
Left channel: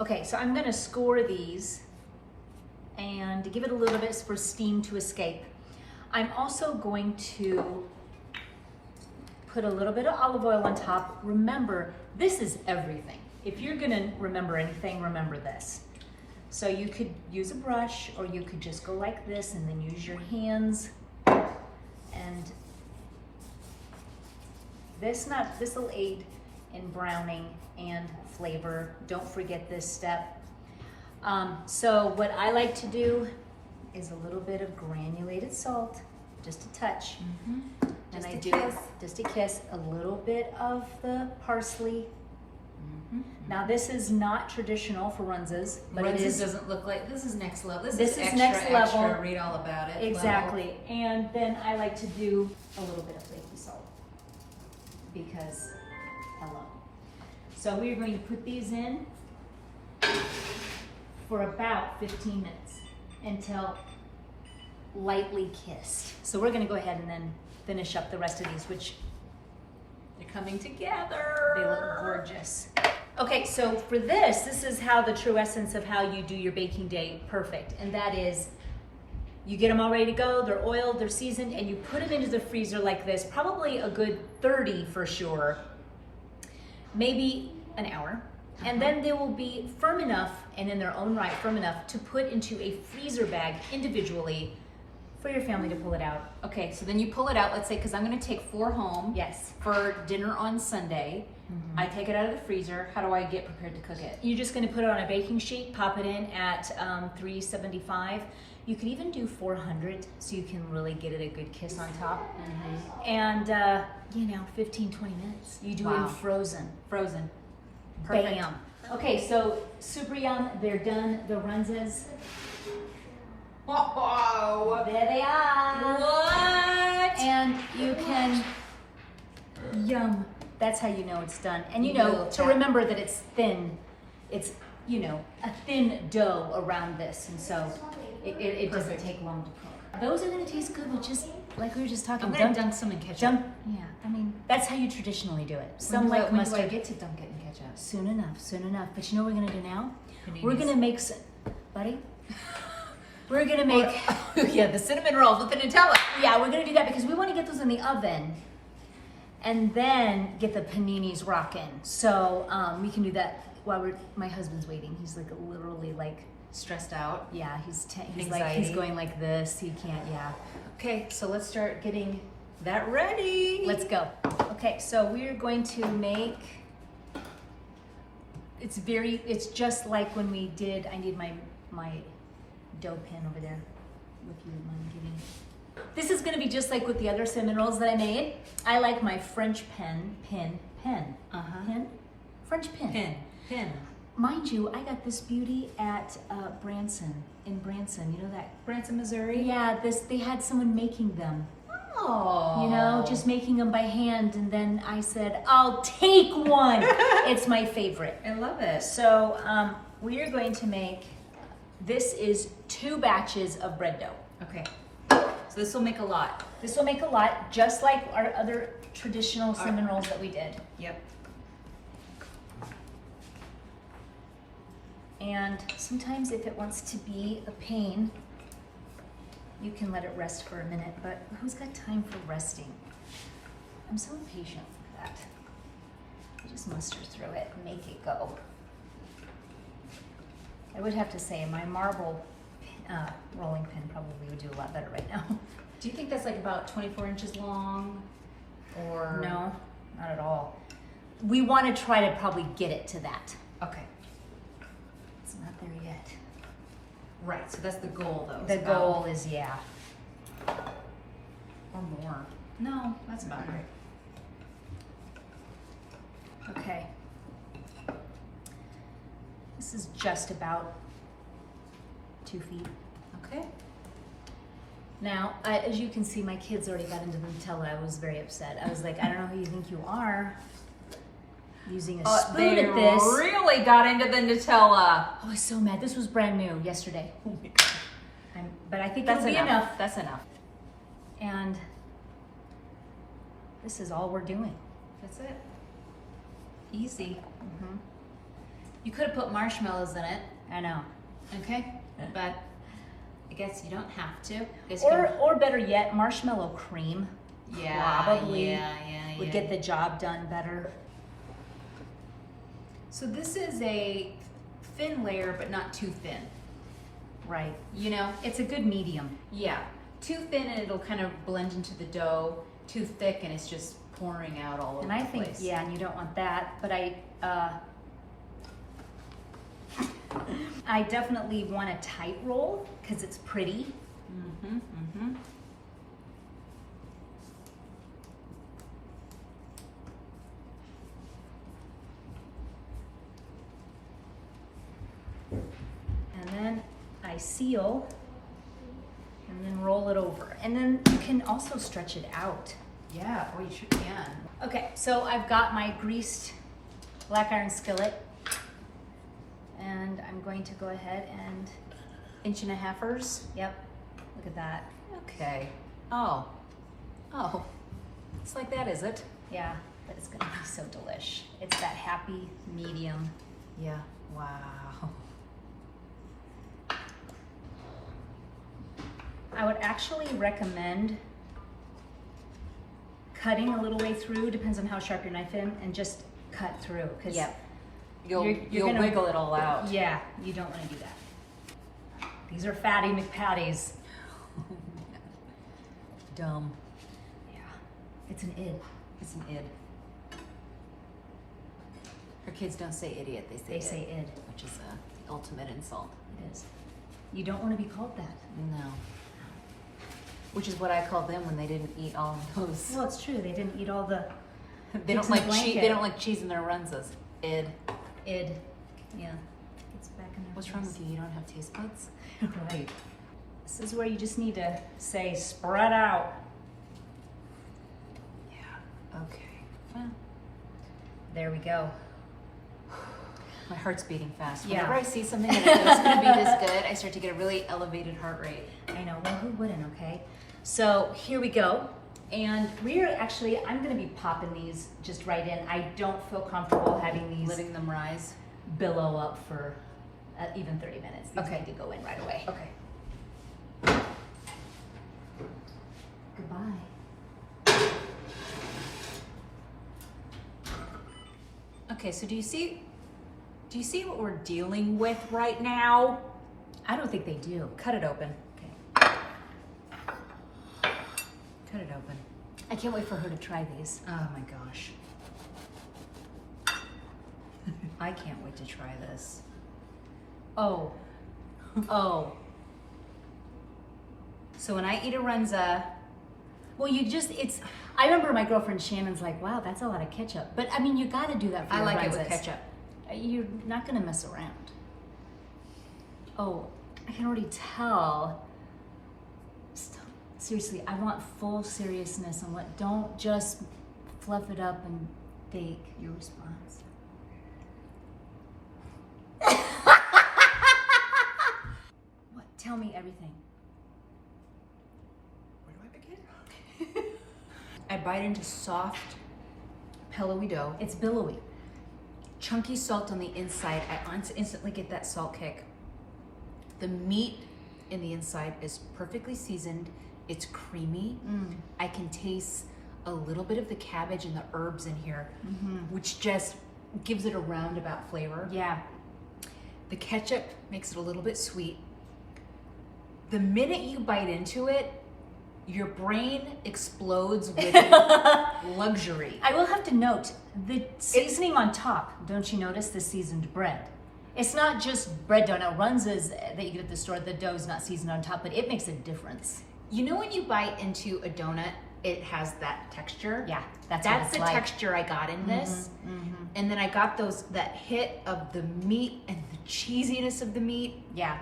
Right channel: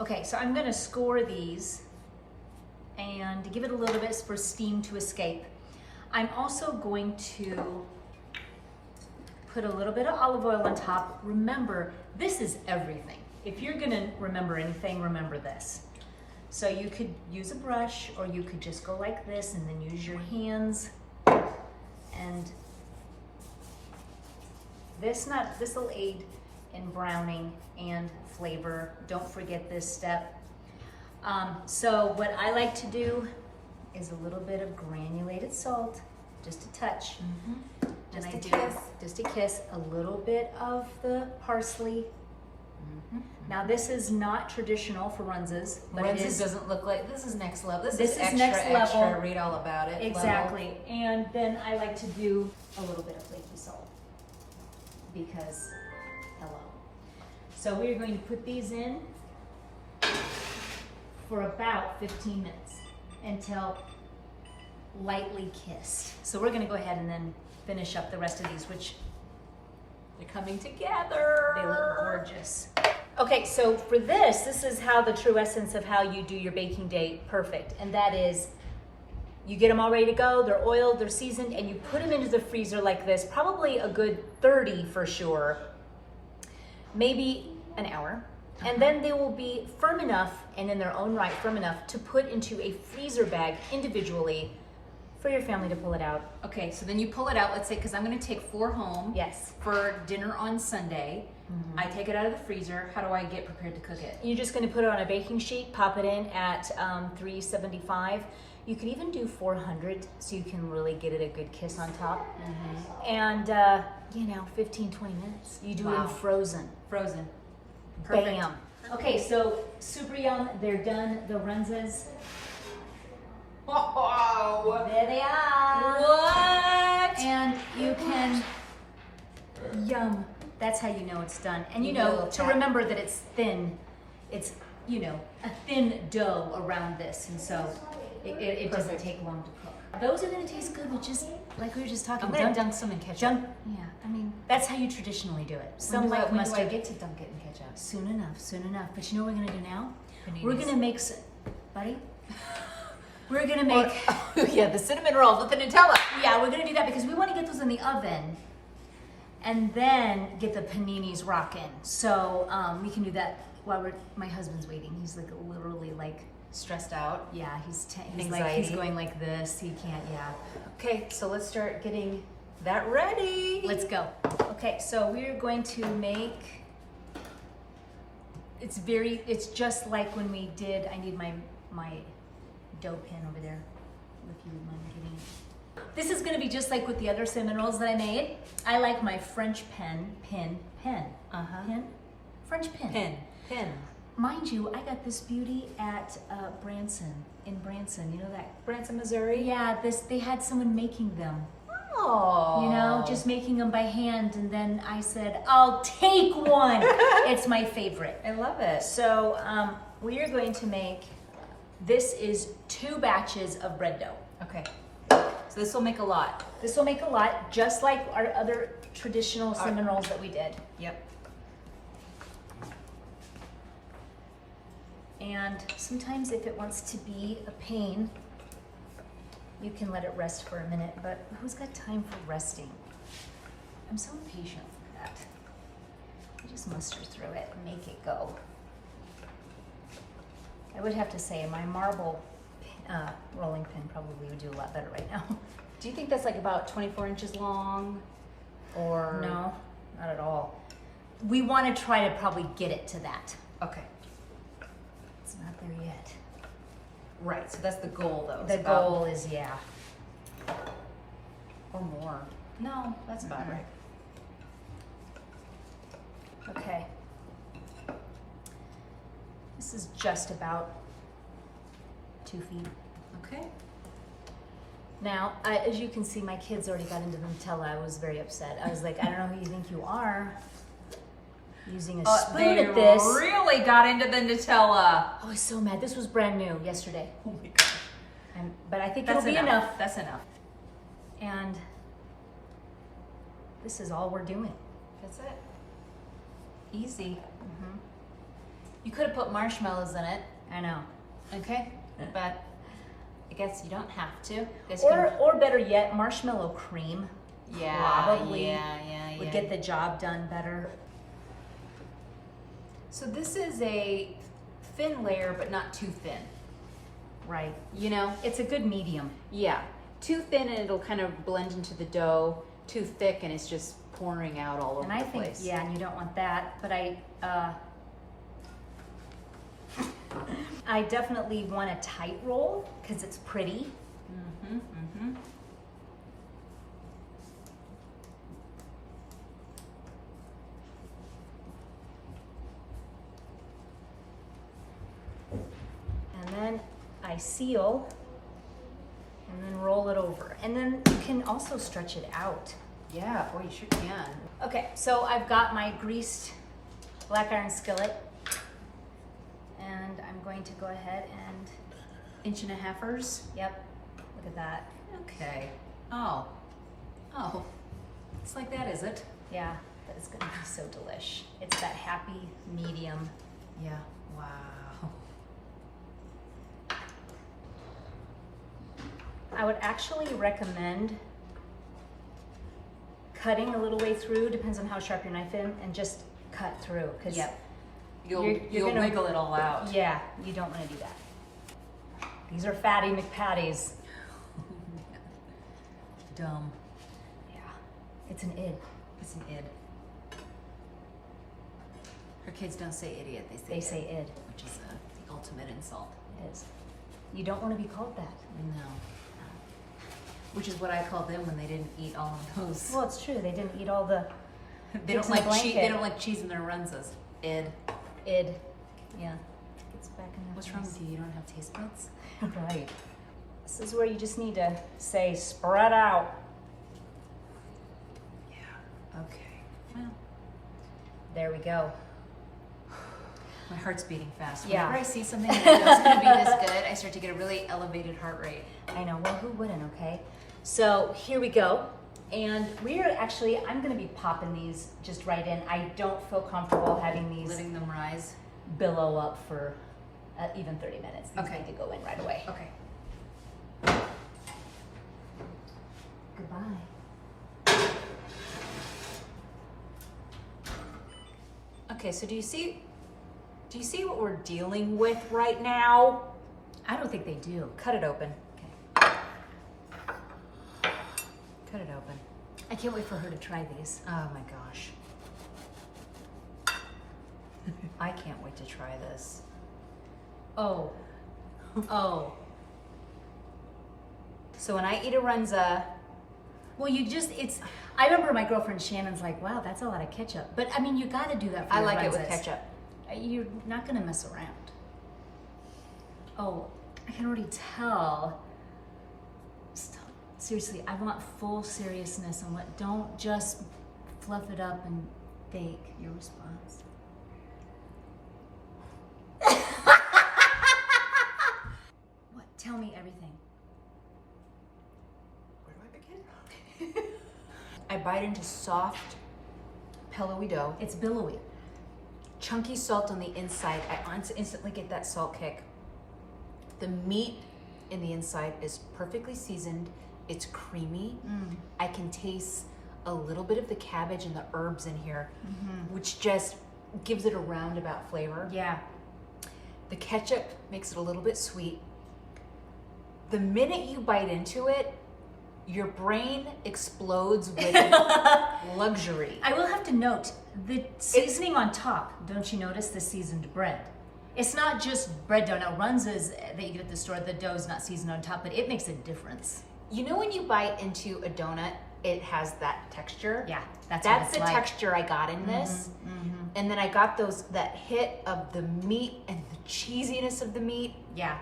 Okay, so I'm gonna score these and give it a little bit for steam to escape. I'm also going to put a little bit of olive oil on top. Remember, this is everything. If you're gonna remember anything, remember this. So you could use a brush or you could just go like this and then use your hands. And this will aid in browning and flavor. Don't forget this step. So what I like to do is a little bit of granulated salt, just a touch. Mm-hmm. And Just I a do kiss. just a kiss, a little bit of the parsley. Mm-hmm. Now this is not traditional for Runzas, but it is doesn't look like, this is next level. This This is is extra, next level. extra. Read all about it. exactly. And then I like to do a little bit of flaky salt because hello. So we're going to put these in for about 15 minutes until lightly kissed. So we're going to go ahead and then finish up the rest of these, which They're coming together. they look gorgeous. Okay, so for this is how the true essence of how you do your baking day perfect. And that is, you get them all ready to go, they're oiled, they're seasoned, and you put them into the freezer like this, probably a good 30 for sure, maybe an hour. And then they will be firm enough, and in their own right, firm enough to put into a freezer bag individually for your family to pull it out. Okay, so then you pull it out, let's say, because I'm going to take 4 home Yes. for dinner on Sunday. I take it out of the freezer. How do I get prepared to cook it? You're just going to put it on a baking sheet, pop it in at 375. You could even do 400 so you can really get it a good kiss on top. And, 15, 20 minutes. You do Wow. in frozen. Frozen. Perfect. Bam. Okay, so super yum. They're done. The Runzas. Wow. There they are. What? And you can, yum. That's how you know it's done. And you know, Little to tap. remember that it's thin, it's, a thin dough around this. And so it doesn't Perfect. take long to cook. those are gonna taste good with just, like we were just talking. I'm gonna dunk some in ketchup. Yeah, I mean, that's how you traditionally do it. When Like do I mustard. get to dunk it in ketchup? Soon enough, soon enough. But you know what we're gonna do now? Paninis. We're gonna make buddy. We're gonna make, Yeah, the cinnamon rolls with the Nutella. yeah, we're gonna do that because we wanna get those in the oven and then get the paninis rocking. So we can do that while my husband's waiting. He's like literally like, Stressed out. yeah, he's like, he's Anxiety. going like this. He can't, yeah. Okay, so let's start getting that ready. Let's go. Okay, so we're going to make, it's just like when we did, I need my dough pin over there, if you would mind getting it. This is gonna be just like with the other cinnamon rolls that I made. I like my French pin. French pin. Pin. Mind you, I got this beauty at in Branson. You know that? Branson, Missouri. Yeah, they had someone making them. Oh. You know, just making them by hand, and then I said, I'll take one. It's my favorite. I love it. So we are going to make, this is 2 batches of bread dough. Okay. So this will make a lot. This will make a lot, just like our other traditional cinnamon rolls that we did. Yep. And sometimes if it wants to be a pain, you can let it rest for a minute, but who's got time for resting? I'm so impatient for that. I just muster through it and make it go. I would have to say my marble rolling pin probably would do a lot better right now. Do you think that's like about 24 inches long? Or No, not at all. We want to try to probably get it to that. Okay. It's not there yet. Right. So that's the goal, though. The It's about- goal is, yeah. or more. No, that's about Mhm. right. Okay. This is just about 2 feet. Okay. Now, as you can see, my kids already got into the Nutella. I was very upset. I was like, I don't know who you think you are. Using a spoon they at this. really got into the Nutella. I was so mad. This was brand new yesterday. Oh my god. But I think That's it'll be enough. enough. That's enough. And this is all we're doing. That's it. Easy. Mm-hmm. You could have put marshmallows in it. I know. Okay. But I guess you don't have to. Guess Or better yet, marshmallow cream probably yeah, would get the job done better. So this is a thin layer, but not too thin. Right. You know? It's a good medium. Yeah. Too thin and it'll kind of blend into the dough. Too thick and it's just pouring out all over And I the think, place. yeah, and you don't want that, but I definitely want a tight roll because it's pretty. Mm-hmm, mm-hmm. And then I seal and then roll it over. And then you can also stretch it out. Yeah, or you sure can. Okay, so I've got my greased black iron skillet. And I'm going to go ahead and, 1.5 inches. yep, look at that. Okay. Oh. Oh. It's like that, is it? Yeah, but it's gonna be so delish. It's that happy medium. Yeah. Wow. I would actually recommend cutting a little way through, depends on how sharp your knife is, and just cut through. Cause Yep. You'll you're gonna- wiggle it all out. yeah, you don't wanna do that. These are fatty McPatties. Dumb. Yeah, it's an id. It's an id. Her kids don't say idiot, They say id. which is the ultimate insult. It is. You don't wanna be called that. No. Which is what I called them when they didn't eat all of those. Well, it's true, they didn't eat all the They Chips don't in the like cheese. blanket. They don't like cheese in their Runzas. Id. id. Yeah. It's back in What's wrong with you? You don't have taste buds? Right. This is where you just need to say spread out. Yeah. Okay. Well, There we go. my heart's beating fast. Yeah. Whenever I see something and I know it's going to be this good, I start to get a really elevated heart rate. I know. Well, who wouldn't, okay? So here we go. And I'm gonna be popping these just right in. I don't feel comfortable having these Letting them rise. billow up for even 30 minutes. These Okay. need to go in right away. Okay. Goodbye. Okay, so do you see what we're dealing with right now? I don't think they do. Cut it open. Okay. Cut it open. I can't wait for her to try these. Oh my gosh. I can't wait to try this. Oh. Oh. So when I eat a Runza, Well, I remember my girlfriend Shannon's like, wow, that's a lot of ketchup. But I mean, you got to do that for I your like it with Runzas. ketchup. You're not going to mess around. Oh, I can already tell. Seriously, I want full seriousness on what. Don't just fluff it up and fake your response. What? Tell me everything. Where do I begin? I bite into soft, pillowy dough. It's billowy. Chunky salt on the inside. I instantly get that salt kick. The meat in the inside is perfectly seasoned. It's creamy. I can taste a little bit of the cabbage and the herbs in here, which just gives it a roundabout flavor. Yeah. The ketchup makes it a little bit sweet. The minute you bite into it, your brain explodes with luxury. I will have to note the seasoning on top. Don't you notice the seasoned bread? It's not just bread dough. Now, Runzas that you get at the store, the dough is not seasoned on top, but it makes a difference. You know when you bite into a donut, it has that texture? Yeah, that's what That's it's the like. texture I got in this. And then I got that hit of the meat and the cheesiness of the meat. Yeah.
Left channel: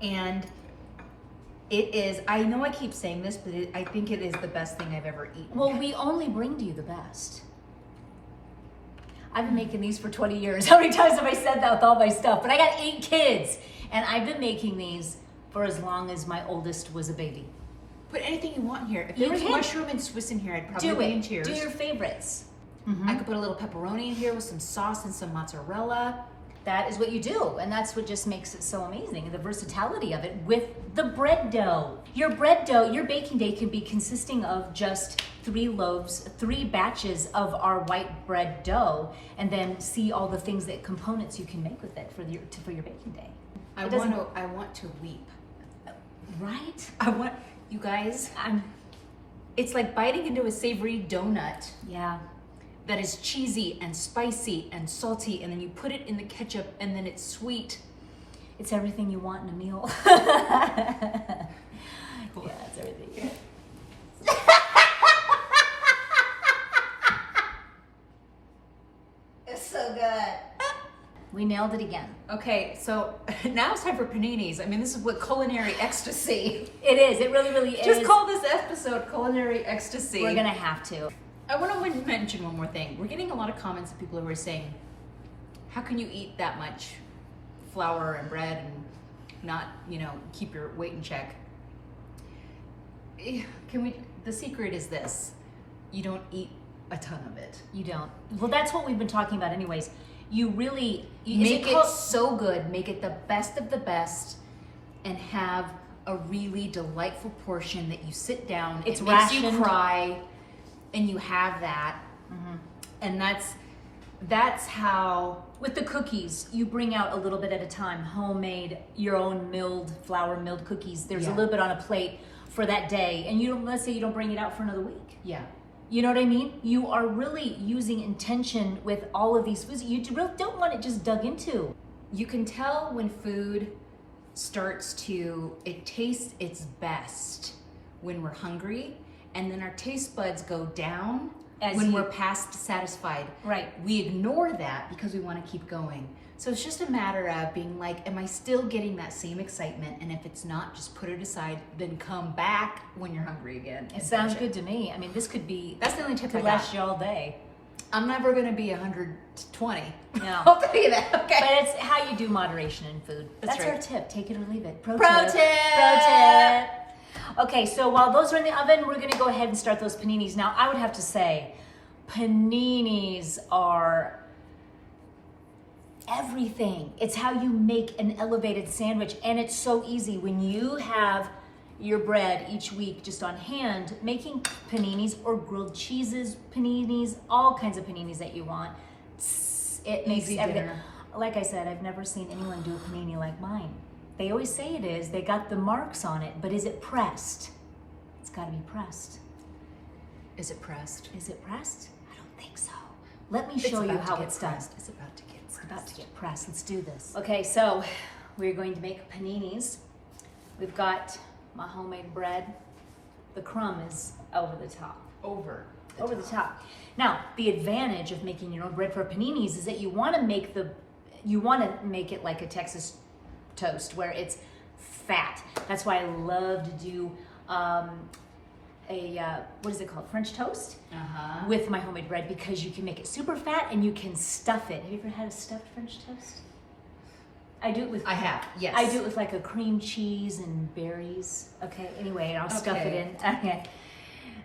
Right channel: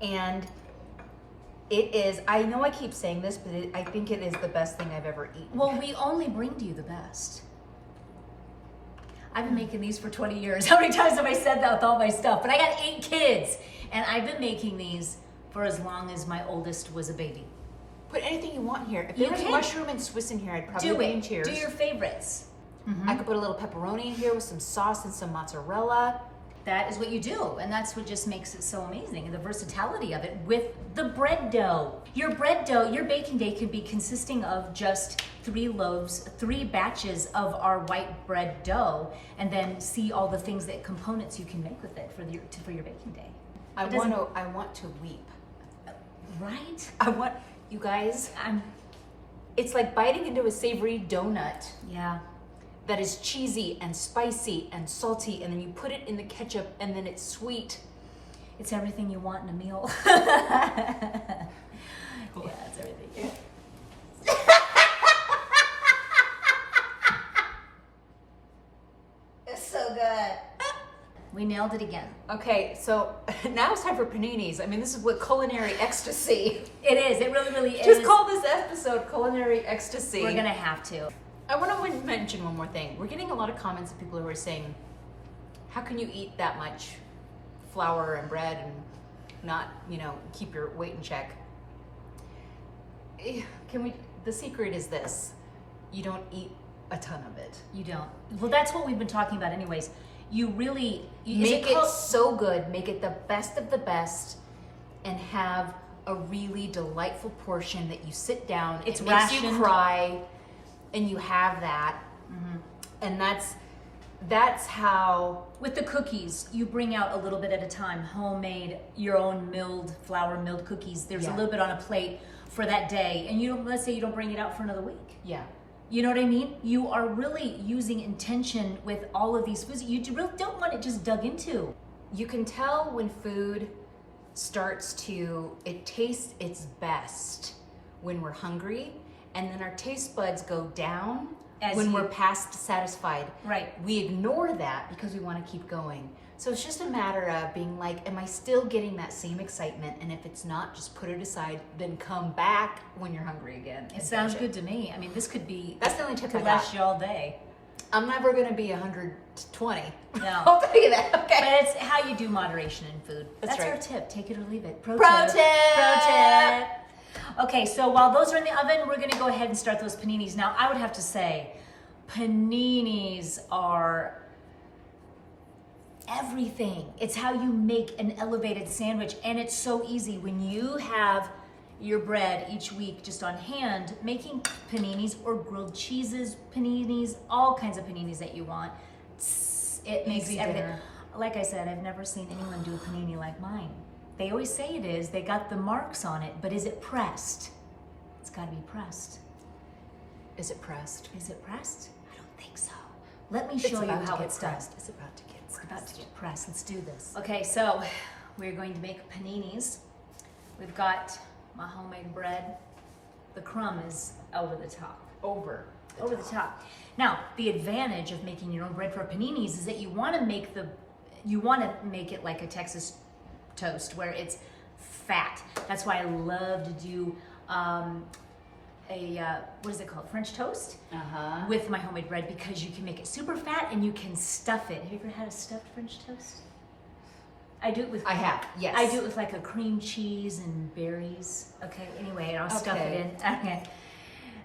And it is, I know I keep saying this, but I think it is the best thing I've ever eaten. Well, we only bring to you the best. I've been making these for 20 years. How many times have I said that with all my stuff? But I got 8 kids, and I've been making these for as long as my oldest was a baby. Put anything you want in here. If You there was can. mushroom and Swiss in here, I'd probably Do be in it. tears. Do your favorites. I could put a little pepperoni in here with some sauce and some mozzarella. That is what you do, and that's what just makes it so amazing, and the versatility of it with the bread dough. Your bread dough, your baking day can be consisting of just 3 loaves, 3 batches of our white bread dough, and then see all the things that components you can make with it for your baking day. I want to weep. Right? I want, you guys, it's like biting into a savory donut Yeah. that is cheesy and spicy and salty, and then you put it in the ketchup, and then it's sweet. It's everything you want in a meal. Yeah, it's everything. It's so good. We nailed it again. Okay, so now it's time for paninis. I mean, this is what culinary ecstasy. It is. It really, really is. Just call this episode culinary ecstasy. We're gonna have to. I want to mention one more thing. We're getting a lot of comments of people who are saying, how can you eat that much flour and bread and not, keep your weight in check? The secret is this. You don't eat a ton of it. You don't. Well, that's what we've been talking about anyways. You really Make it so good, make it the best of the best, and have a really delightful portion that you sit down, It's it makes you rationed. cry, and you have that. And that's how. With the cookies, you bring out a little bit at a time, homemade, your own flour milled cookies. There's a Yeah. little bit on a plate for that day, and let's say you don't bring it out for another week. Yeah. You know what I mean? You are really using intention with all of these foods. You really don't want it just dug into. You can tell when food it tastes its best when we're hungry, and then our taste buds go down when we're past satisfied. Right. We ignore that because we want to keep going. So it's just a matter of being like, am I still getting that same excitement? And if it's not, just put it aside, then come back when you're hungry again. It sounds good to me. I mean, this could That's the only tip I could got. last you all day. I'm never gonna be 120. No. I'll tell you that. Okay. But it's how you do moderation in food. That's right. our tip. Take it or leave it. Pro tip. Pro tip. Okay, so while those are in the oven, we're gonna go ahead and start those paninis. Now, I would have to say, paninis are everything. It's how you make an elevated sandwich, and it's so easy when you have your bread each week just on hand, making paninis or grilled cheeses, paninis, all kinds of paninis that you want. It makes Easy everything. dinner. Like I said, I've never seen anyone do a panini like mine. They always say it is. They got the marks on it, but is it pressed? It's got to be pressed. Is it pressed? Is it pressed? I don't think so. Let me show you how it's done. It's about to get pressed. It's about to get pressed. Let's do this. Okay, so we're going to make paninis. We've got my homemade bread. The crumb is over the top. Over the top. Now, the advantage of making your own bread for paninis is that you want to make it like a Texas toast where it's fat. That's why I love to do what is it called? French toast with my homemade bread, because you can make it super fat and you can stuff it. Have you ever had a stuffed French toast? I do it with. I have, yes. I do it with like a cream cheese and berries. Okay. Anyway, and I'll stuff it in. Okay.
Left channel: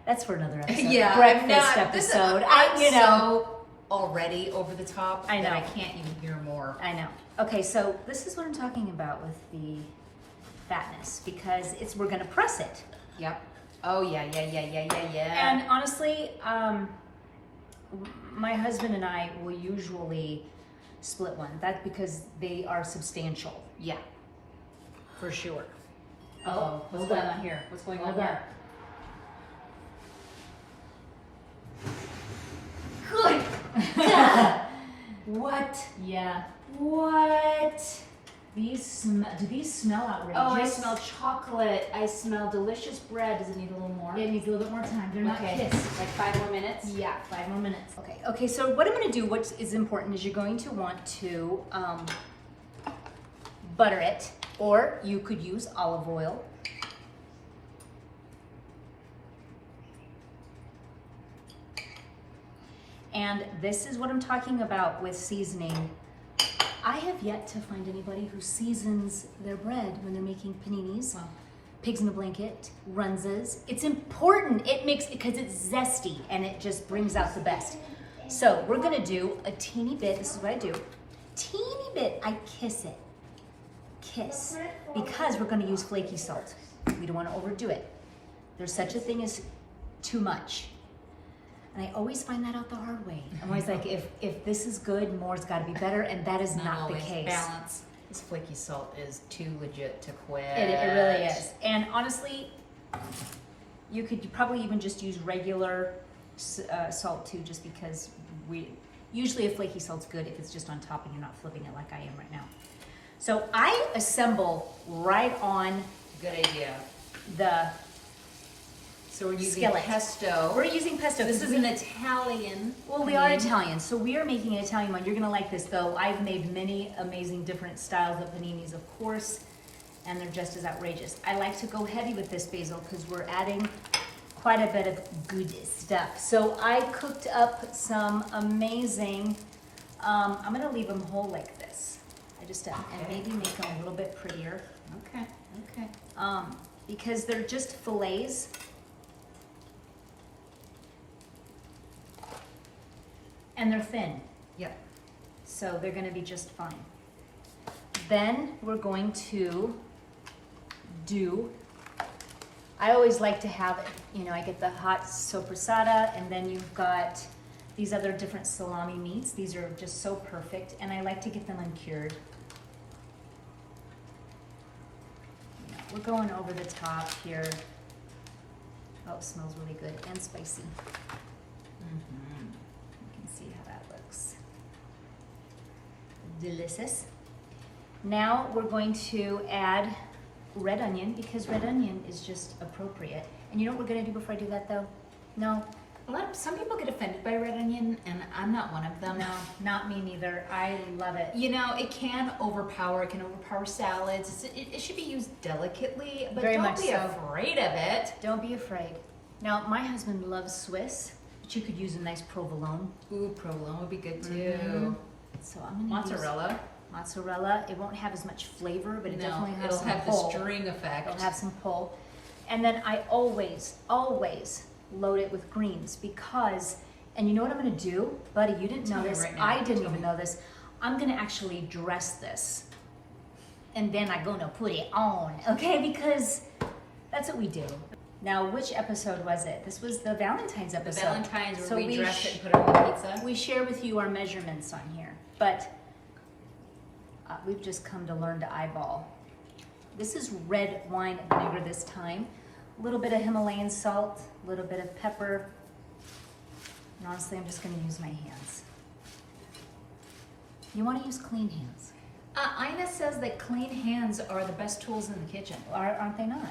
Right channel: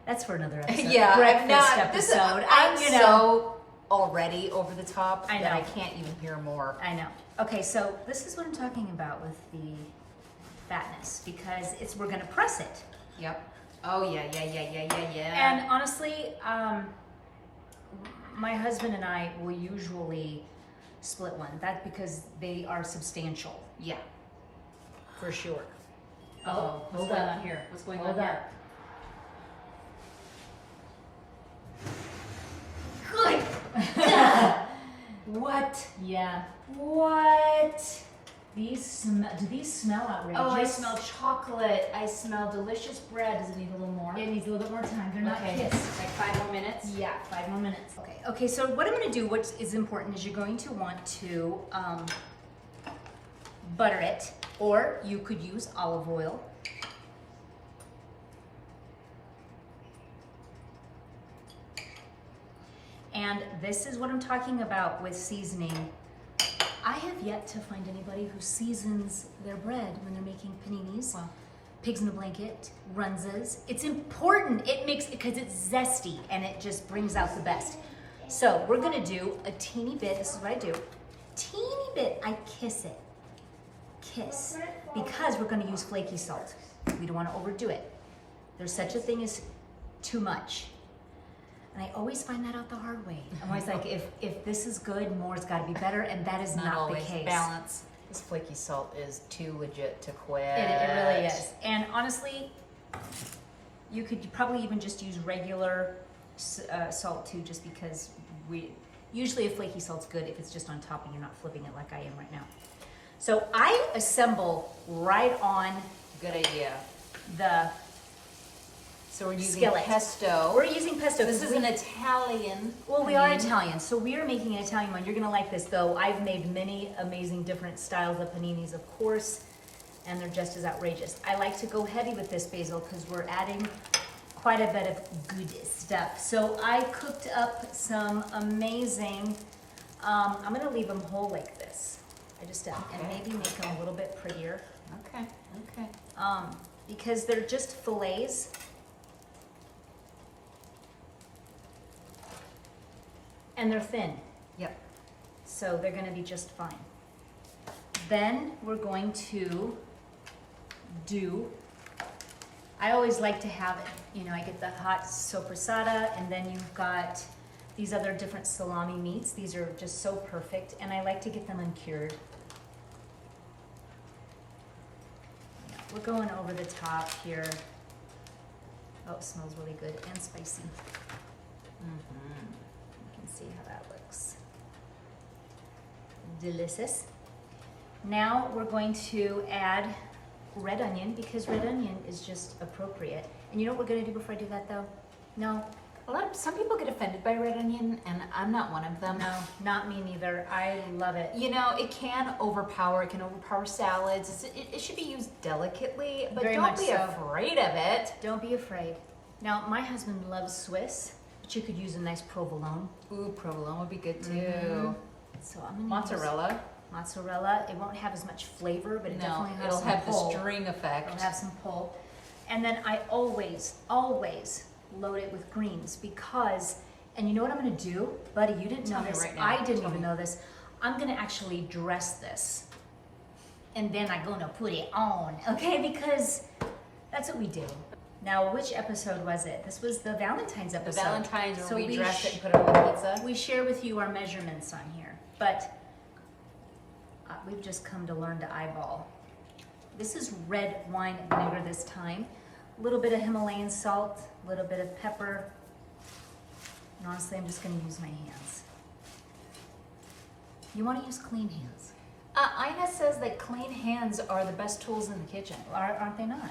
That's for another episode. Yeah, breakfast episode. I'm so already over the top. I know. That I can't even hear more. I know. Okay, so this is what I'm talking about with the fatness, because we're gonna press it. Yep. Oh yeah. And honestly, my husband and I will usually split one. That's because they are substantial. Yeah. For sure. Oh, hold on here. What's going Hold on on. Good. What? Yeah. What? Do these smell outrageous? Oh, I smell chocolate. I smell delicious bread. Does it need a little more? It needs a little bit more time. They're not kissed. Like 5 more minutes? Yeah, 5 more minutes. Okay, so what I'm gonna do, what is important, is you're going to want to butter it, or you could use olive oil. And this is what I'm talking about with seasoning. I have yet to find anybody who seasons their bread when they're making paninis. Wow. Pigs in a blanket, Runzas. It's important. It makes, because it's zesty and it just brings out the best. So we're gonna do a teeny bit. This is what I do. Teeny bit. I kiss it. Kiss. Because we're gonna use flaky salt. We don't want to overdo it. There's such a thing as too much. And I always find that out the hard way. I'm always like, if this is good, more's got to be better, and that is not the case. Balance. This flaky salt is too legit to quit. It really is. And honestly, you could probably even just use regular salt too, just because usually a flaky salt's good if it's just on top and you're not flipping it like I am right now. So I assemble right on. Good idea. So we're using skillet. pesto. We're using pesto. This is an Italian. Well, we are Italian, so we are making an Italian one. You're gonna like this though. I've made many amazing different styles of paninis, of course, and they're just as outrageous. I like to go heavy with this basil because we're adding quite a bit of good stuff. So I cooked up some amazing, I'm gonna leave them whole like this. And maybe make them a little bit prettier. Okay. Because they're just fillets. And they're thin. Yep. So they're gonna be just fine. Then we're going to I always like to have, I get the hot sopressata, and then you've got these other different salami meats. These are just so perfect, and I like to get them uncured. We're going over the top here. Oh, it smells really good and spicy. See how that looks. Delicious. Now we're going to add red onion, because red onion is just appropriate. And you know what we're gonna do before I do that though? No. Some people get offended by red onion, and I'm not one of them. No, not me neither. I love it. It can overpower salads. It should be used delicately, but Very don't much be so. afraid of it. Don't be afraid. Now, my husband loves Swiss. But you could use a nice provolone. Ooh, provolone would be good too. So I'm gonna Mozzarella. use mozzarella. It won't have as much flavor, but it definitely has it'll some have pull. the string effect. It'll have some pull. And then I always load it with greens because, and you know what I'm gonna do? Buddy, you didn't know this. Right now. I didn't even know this. I'm gonna actually dress this. And then I'm gonna put it on, okay? Because that's what we do. Now, which episode was it? This was the Valentine's episode. The Valentine's where so we dress it and put it on the pizza. We share with you our measurements on here, but we've just come to learn to eyeball. This is red wine vinegar this time. A little bit of Himalayan salt, a little bit of pepper. And honestly, I'm just gonna use my hands. You wanna use clean hands. Ina says that clean hands are the best tools in the kitchen. Aren't they not?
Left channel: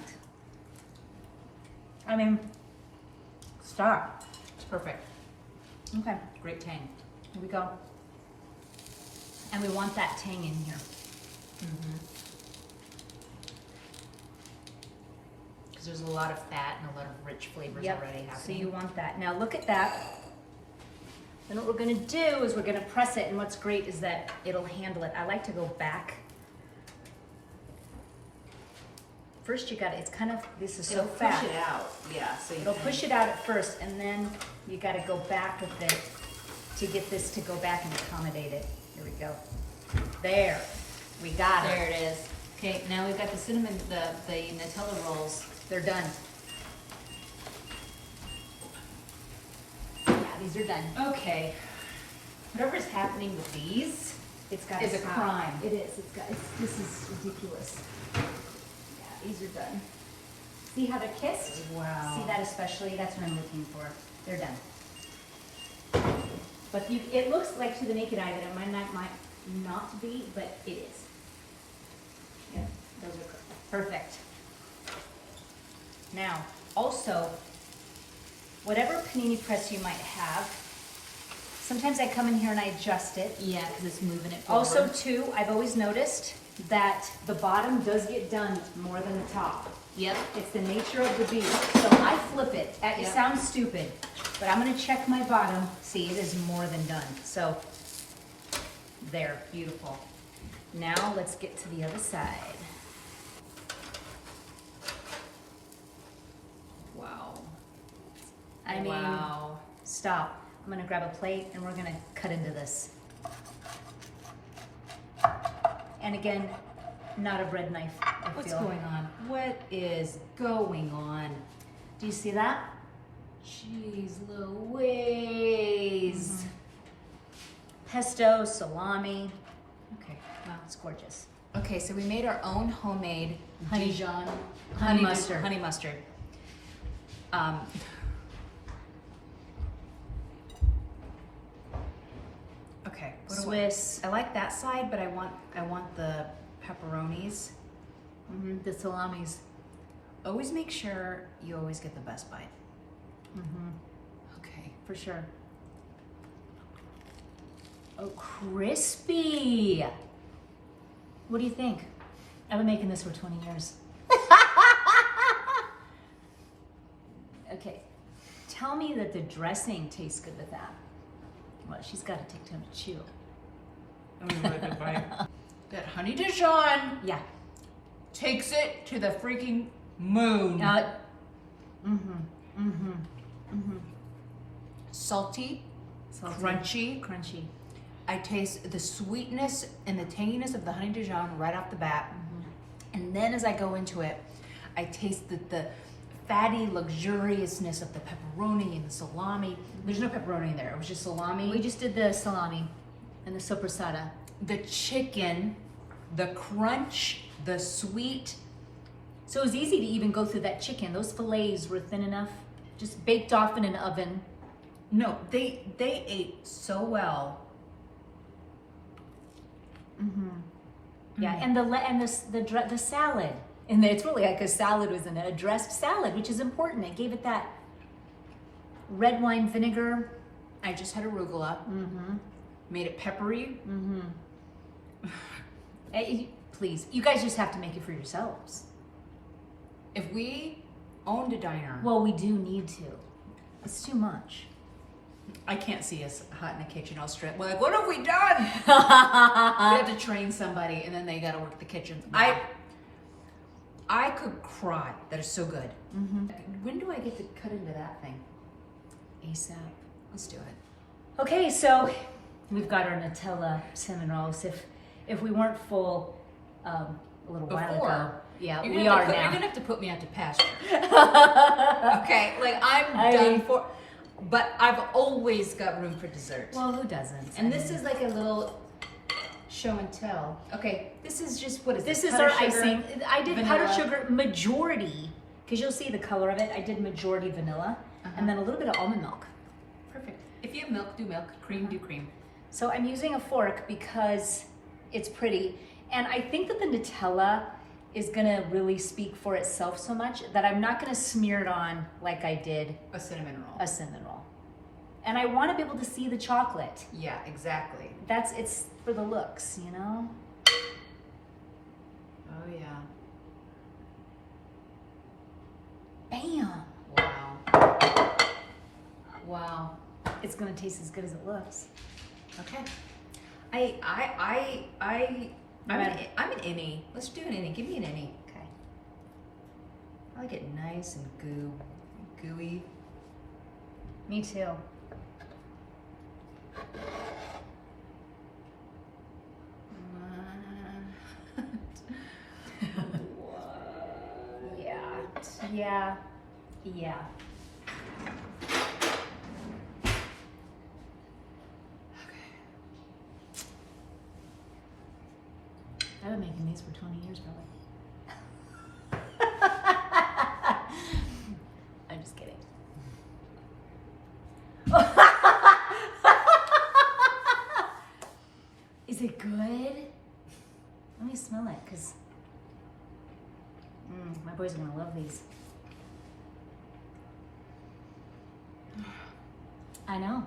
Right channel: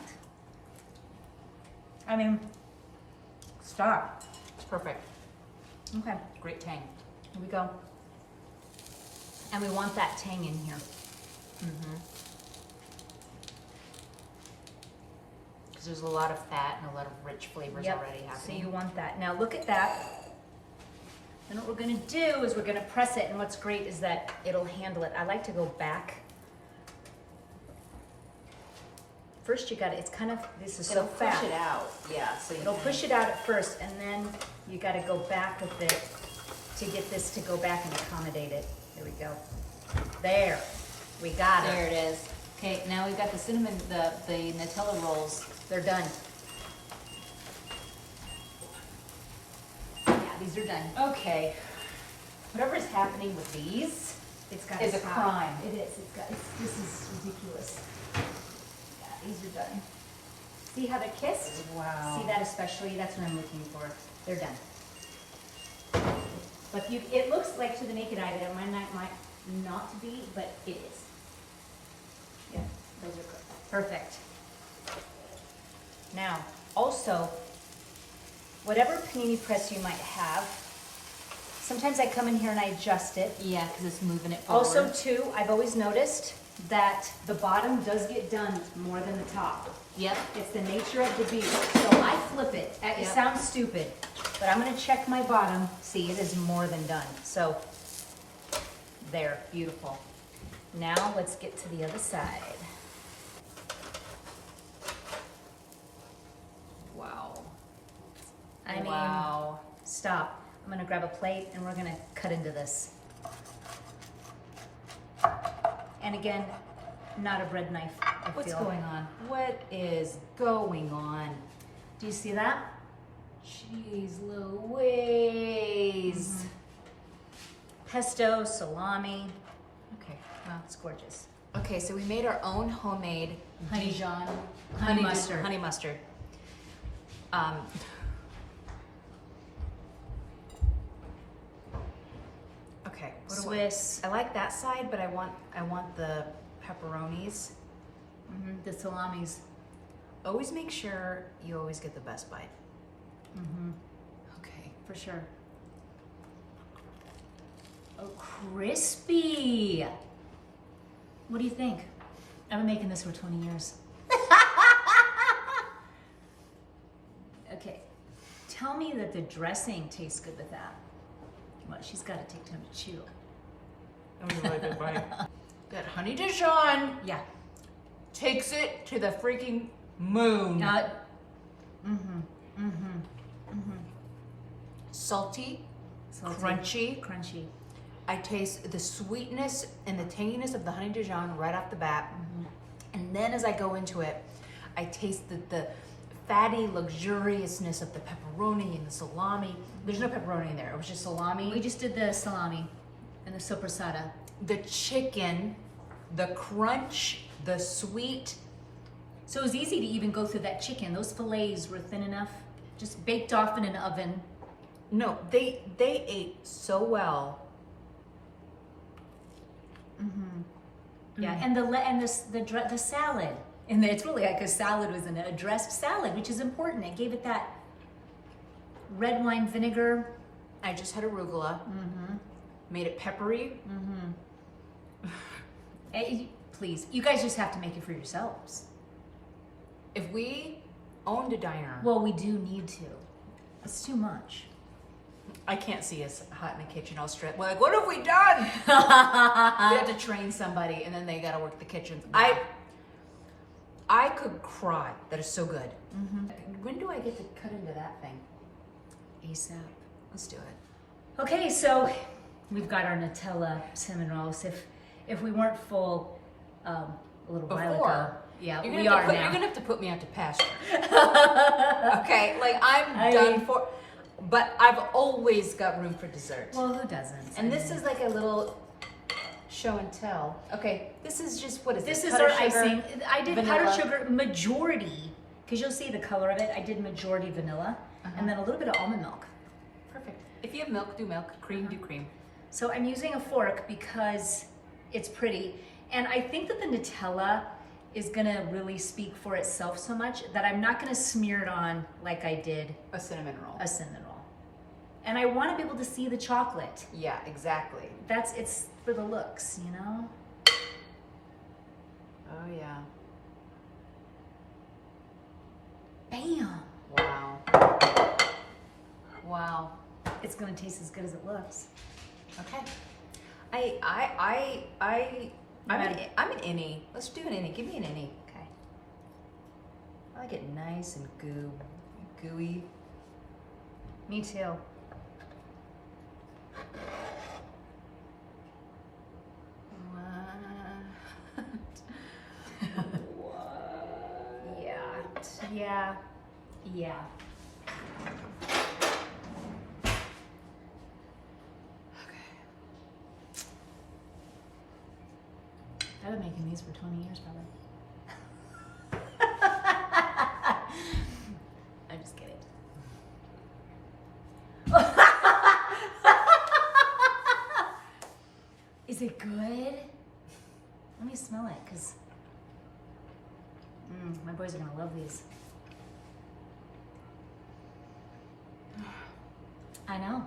I mean, stop. It's perfect. Okay, Great tang. here we go. And we want that tang in here. Because there's a lot of fat and a lot of rich flavors already So happening. you want that. Now look at that. Then what we're gonna do is we're gonna press it, and what's great is that it'll handle it. I like to go back. First you gotta, it's kind of, this is so It'll fat. push it out. Yeah. So It'll push it out at first, and then you gotta go back with it to get this to go back and accommodate it. Here we go. There, we got There it. it is. Okay, now we've got the cinnamon, the Nutella rolls. They're done. Yeah, these are done. Okay. Whatever's happening with these, It's got is a crime. It is. This is ridiculous. Yeah, these are done. See how they're kissed? Wow. See that especially? That's what I'm looking for. They're done. But it looks like to the naked eye that it might not be, but it is. Yeah, those are perfect. Now, also, whatever panini press you might have, sometimes I come in here and I adjust it. Yeah, because it's moving it forward. Also, too, I've always noticed that the bottom does get done more than the top. Yep. It's the nature of the beast. So I flip it. It Yep. sounds stupid, but I'm gonna check my bottom. See, it is more than done. So there, beautiful. Now let's get to the other side. Wow. I mean, wow. stop. I'm gonna grab a plate and we're gonna cut into this. And again, not a bread knife, I What's feel. going on? What is going on? Do you see that? Jeez Louise. Pesto, salami. Okay. Wow, it's gorgeous. Okay, so we made our own homemade Honey- Dijon honey mustard. Honey mustard. Okay. what do Swiss. I like that side, but I want the pepperonis. The salamis. Always make sure you always get the best bite. Okay. For sure. Oh, crispy. What do you think? I've been making this for 20 years. Okay. Tell me that the dressing tastes good with that. Well, she's got to take time to chew. That was a really good bite. That honey Dijon Yeah. takes it to the freaking moon. Salty, Salty. crunchy. Crunchy. I taste the sweetness and the tanginess of the honey Dijon right off the bat. And then as I go into it, I taste the fatty luxuriousness of the pepperoni and the salami. There's no pepperoni in there. It was just salami. We just did the salami and the sopressata. The chicken, the crunch, the sweet. So it was easy to even go through that chicken. Those fillets were thin enough, just baked off in an oven. No, they ate so well. Yeah, and the salad, and it's really like a salad was a dressed salad, which is important. It gave it that red wine vinegar. I just had arugula. Made it peppery. Please, you guys just have to make it for yourselves. If we owned a diner, Well, we do need to. It's too much. I can't see us hot in the kitchen all stressed. We're like, what have we done? We have to train somebody, and then they got to work the kitchen. Yeah. I could cry. That is so good. When do I get to cut into that thing? ASAP. Let's do it. Okay, so we've got our Nutella cinnamon rolls. If we weren't full a little while ago, Before. yeah, You're we gonna have are to now. You're gonna have to put me out to pasture. Okay, like I'm done for. But I've always got room for dessert. Well, who doesn't? And this is like a little show and tell. Okay, this is just, what is This this? is our icing. I did powdered vanilla. sugar majority, because you'll see the color of it. I did majority vanilla, and then a little bit of almond milk. Perfect. If you have milk, do milk. Cream, do cream. So I'm using a fork because it's pretty. And I think that the Nutella is gonna really speak for itself so much that I'm not gonna smear it on like I did A cinnamon roll. a cinnamon roll. And I wanna be able to see the chocolate. Yeah, exactly. It's for the looks, you know? Oh yeah. Bam! Wow. Wow. It's gonna taste as good as it looks. Okay. I'm an innie. Let's do an innie. Give me an innie. Okay. I like it nice and gooey. Me too. Yeah. Yeah. I've been making these for 20 years probably. I'm just kidding. Is it good? Let me smell it, because my boys are gonna love these. I know.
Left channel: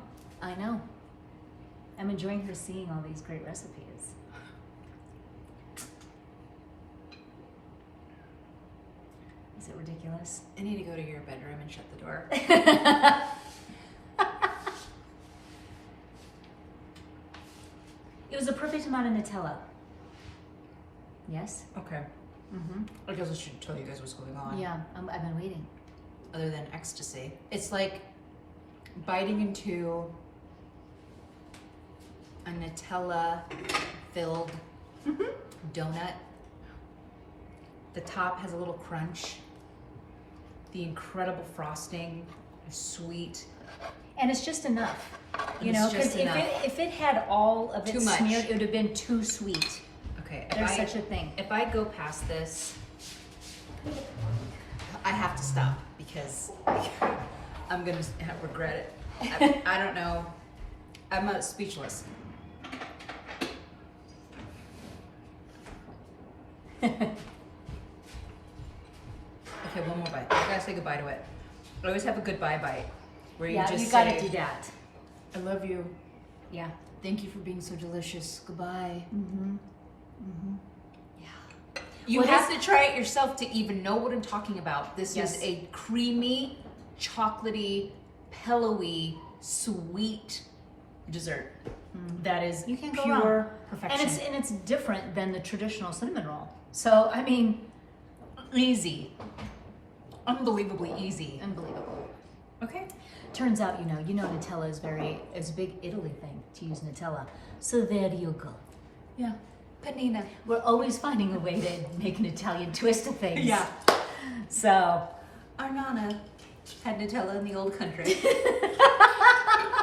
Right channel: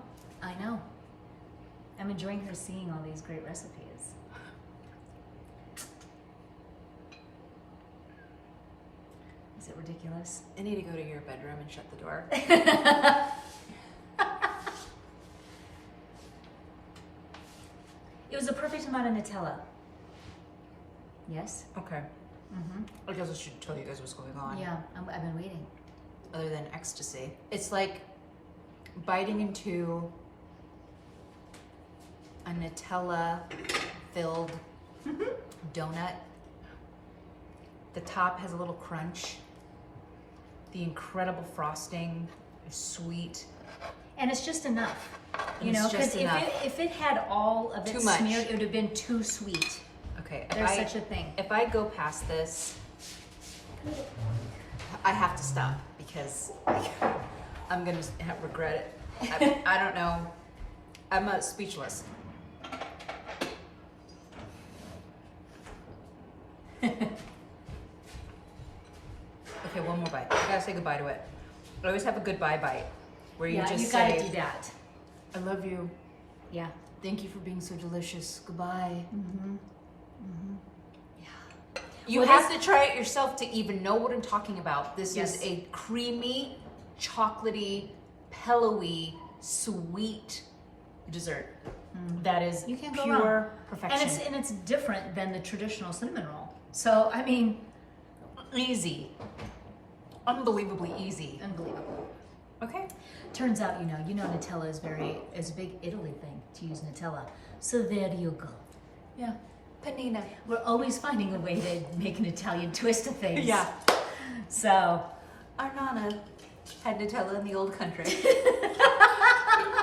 I'm enjoying her seeing all these great recipes. Is it ridiculous? I need to go to your bedroom and shut the door. It was a perfect amount of Nutella. Yes? Okay. I guess I should tell you guys what's going on. Yeah, I've been waiting. Other than ecstasy. It's like biting into a Nutella-filled donut. The top has a little crunch. The incredible frosting is sweet. And it's just enough. You It's know, just because if it had all of it Too much. smeared, it would have been too sweet. Okay. There's such a thing. If I go past this, I have to stop because I'm gonna regret it. I don't know. I'm speechless. Okay, one more bite. I gotta say goodbye to it. I always have a goodbye bite where you just you gotta say, do that. I love you. Yeah. Thank you for being so delicious. Goodbye. Yeah. You have to try it yourself to even know what I'm talking about. This Yes. is a creamy, chocolatey, pillowy, sweet dessert. That is You can't go pure wrong. perfection. And it's different than the traditional cinnamon roll. So I mean, easy. unbelievably easy. Unbelievable. Okay. Turns out, you know Nutella is a big Italy thing to use Nutella. So there you go. Yeah. Panina. We're always finding a way to make an Italian twist to things. Yeah. So Our Nana had Nutella in the old country.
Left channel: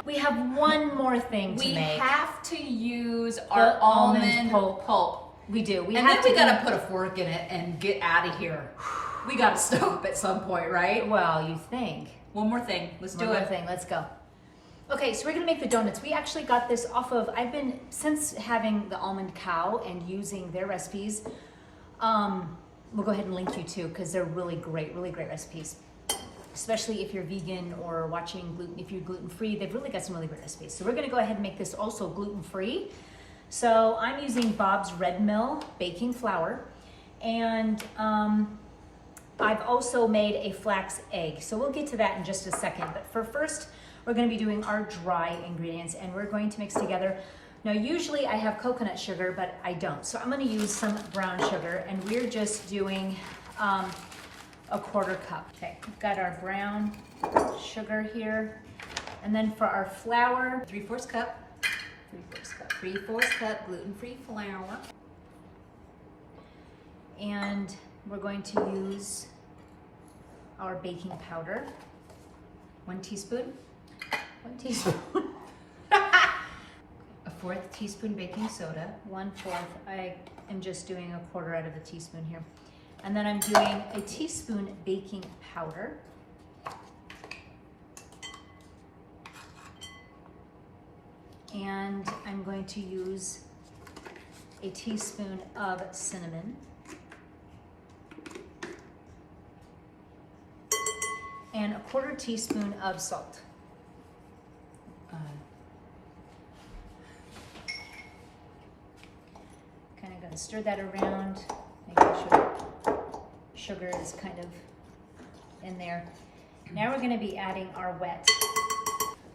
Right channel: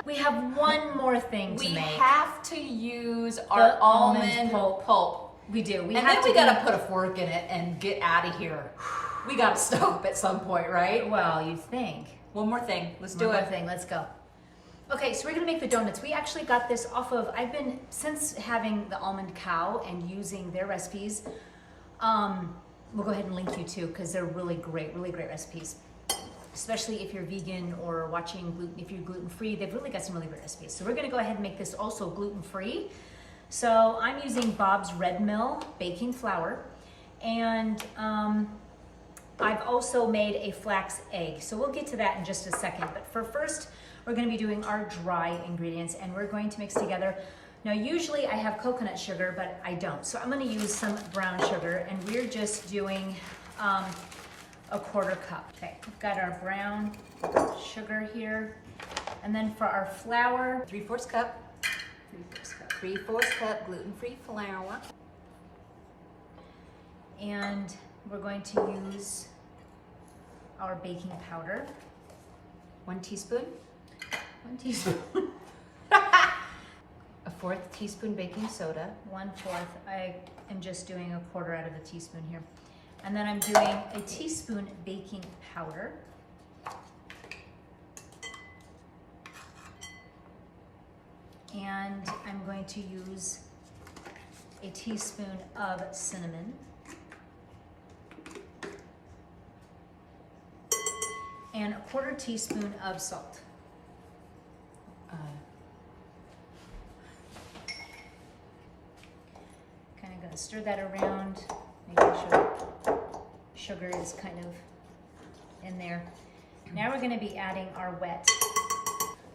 we have one more thing to We make. have to use our almond pulp. We do. We And have then to we gotta put a fork in it and get out of here. We gotta stop at some point, right? Well, you think. One more thing. Let's do One more it. thing. Let's go. Okay, so we're gonna make the donuts. We actually got this off of, since having the Almond Cow and using their recipes, we'll go ahead and link you too, because they're really great recipes. Especially if you're vegan or watching gluten, if you're gluten-free, they've really got some really great recipes. So we're gonna go ahead and make this also gluten-free. So I'm using Bob's Red Mill baking flour, and I've also made a flax egg. So we'll get to that in just a second. But for first, we're going to be doing our dry ingredients, and we're going to mix together. Now, usually I have coconut sugar, but I don't. So I'm going to use some brown sugar, and we're just doing a 1/4 cup. Okay, we've got our brown sugar here. And then for our flour, 3/4 cup. 3/4 cup gluten-free flour. And we're going to use our baking powder. 1 teaspoon. 1 teaspoon. A 1/4 teaspoon baking soda. 1/4. I am just doing a 1/4 out of a teaspoon here. And then I'm doing a teaspoon baking powder. And I'm going to use a teaspoon of cinnamon. And a 1/4 teaspoon of salt. Kind of gonna stir that around, making sure sugar is kind of in there. Now we're gonna be adding our wet.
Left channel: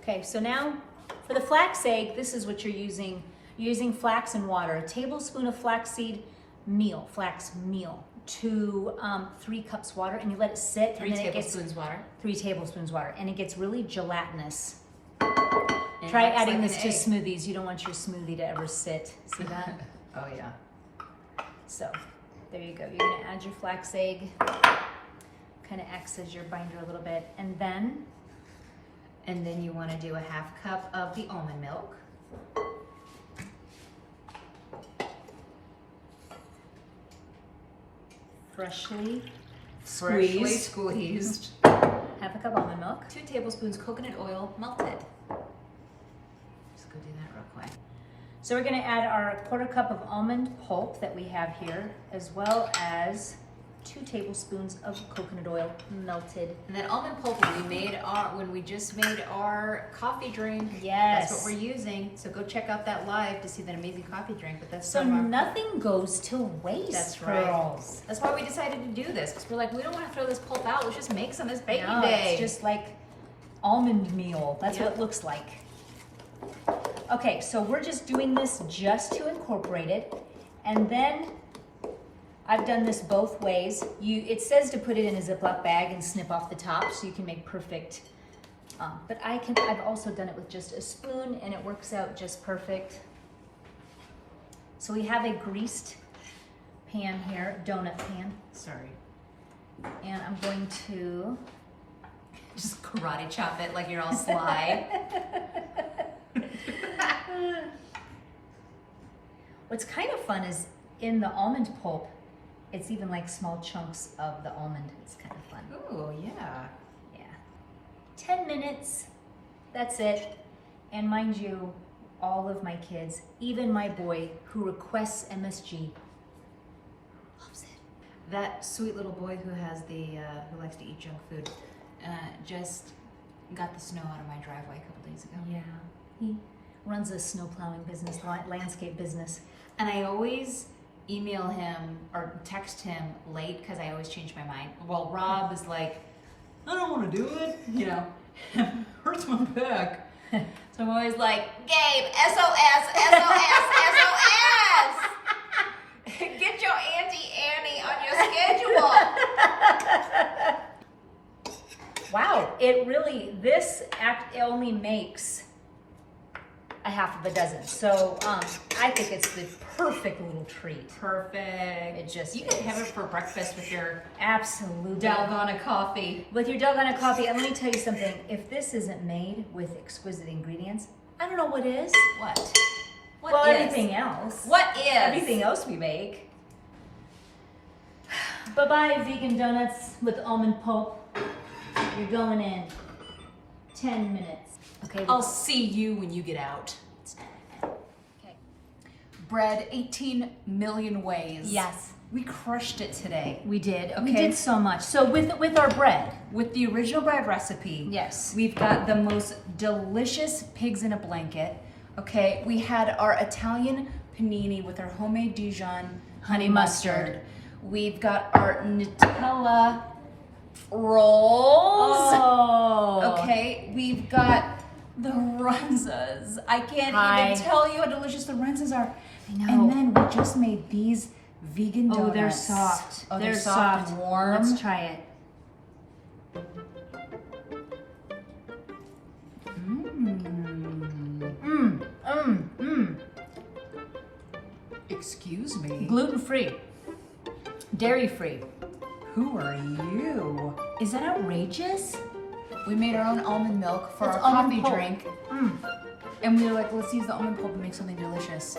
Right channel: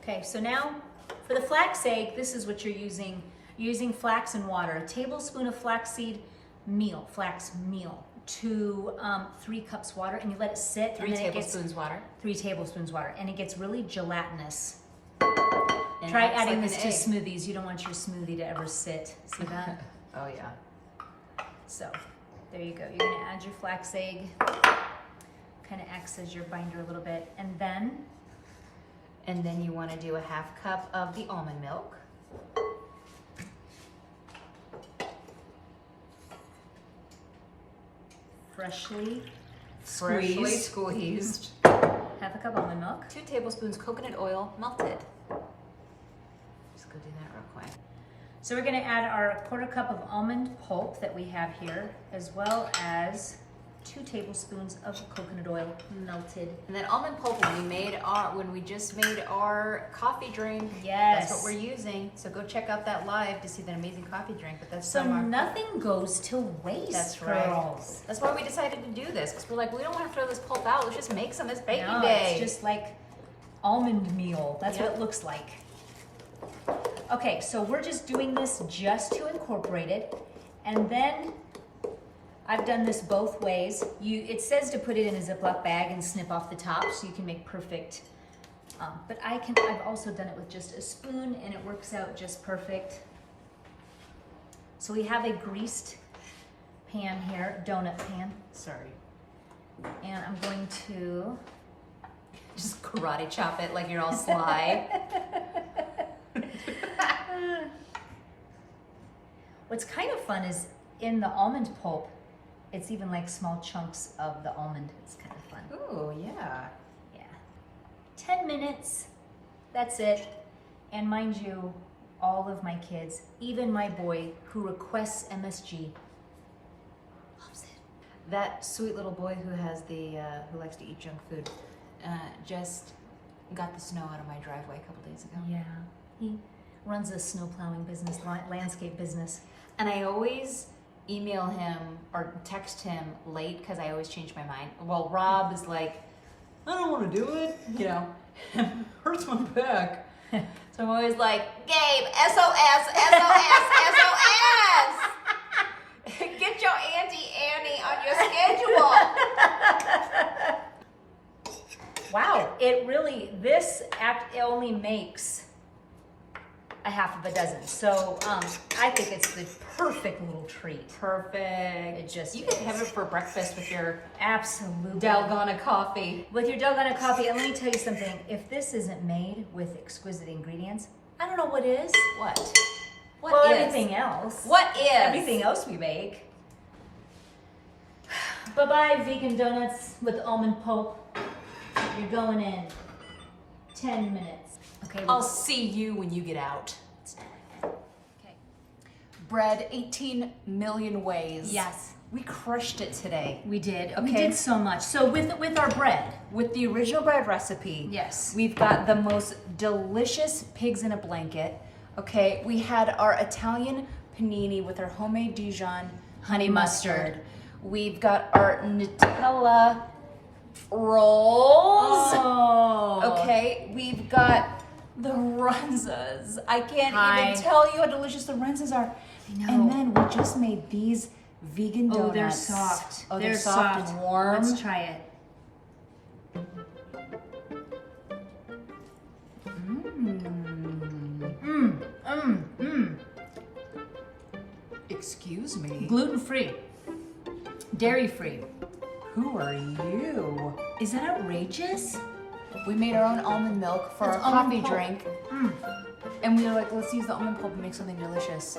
Okay, so now for the flax egg, this is what you're using. You're using flax and water, a tablespoon of flaxseed meal, flax meal, to 3 cups water, and you let it sit. 3 and then tablespoons water. 3 tablespoons water, and it gets really gelatinous. And Try acts adding like this an to egg. smoothies. You don't want your smoothie to ever sit. See that? Oh yeah. So there you go. You're gonna add your flax egg. Kind of acts as your binder a little bit, and then you want to do a 1/2 cup of the almond milk. freshly Freshly squeezed. squeezed. 1/2 cup almond milk. 2 tablespoons coconut oil melted. Just go do that real quick. So we're going to add our 1/4 cup of almond pulp that we have here, as well as 2 tablespoons of coconut oil melted. And then almond pulp when we just made our coffee drink. Yes. That's what we're using. So go check out that live to see that amazing coffee drink. But that's So from our- nothing goes to waste, That's right. girls. That's why we decided to do this, because we're like, we don't want to throw this pulp out. Let's just make some as baking No, day. it's just like almond meal. That's what Yep. it looks like. Okay, so we're just doing this just to incorporate it. And then I've done this both ways. It says to put it in a Ziploc bag and snip off the top so you can make perfect. But I've also done it with just a spoon, and it works out just perfect. So we have a greased pan here, donut pan. Sorry. And I'm going to Just karate chop it like you're all sly. What's kind of fun is in the almond pulp, it's even like small chunks of the almond. It's kind of fun. Ooh, yeah. Yeah. 10 minutes, that's it. And mind you, all of my kids, even my boy who requests MSG, loves it. That sweet little boy who has who likes to eat junk food, just got the snow out of my driveway a couple days ago. Yeah. He runs a snow plowing business, landscape business. And I always email him or text him late because I always change my mind. Well, Rob is like, I don't want to do it. You know, hurts my back. So I'm always like, Gabe, SOS, SOS, SOS. Get your Auntie Annie on your schedule. Wow, it really, this act only makes a 1/2 dozen. So I think it's the perfect little treat. Perfect. It just You can have it for breakfast with your Absolutely. Dalgona coffee. With your Dalgona coffee, and let me tell you something, if this isn't made with exquisite ingredients, I don't know what is. What? Well, is? everything else. What is? Everything else we make. Bye-bye, vegan donuts with almond pulp. You're going in 10 minutes. Okay. I'll see you when you get out. Let's do it. Okay. Bread 18 million ways. Yes. We crushed it today. We did. We Okay. did so much. So with our bread. With the original bread recipe. Yes. We've got the most delicious pigs in a blanket. Okay. We had our Italian panini with our homemade Dijon honey mustard. We've got our Nutella rolls. Oh. Okay. We've got The Runzas. I can't Hi. even tell you how delicious the Runzas are. I know. And then we just made these vegan donuts. Oh, they're soft. Oh, they're soft and warm. Let's try it. Excuse me. Gluten-free, dairy-free. Who are you? Is that outrageous? We made our own almond milk for It's our almond coffee pulp. drink. And we were like, let's use the almond pulp and make something delicious.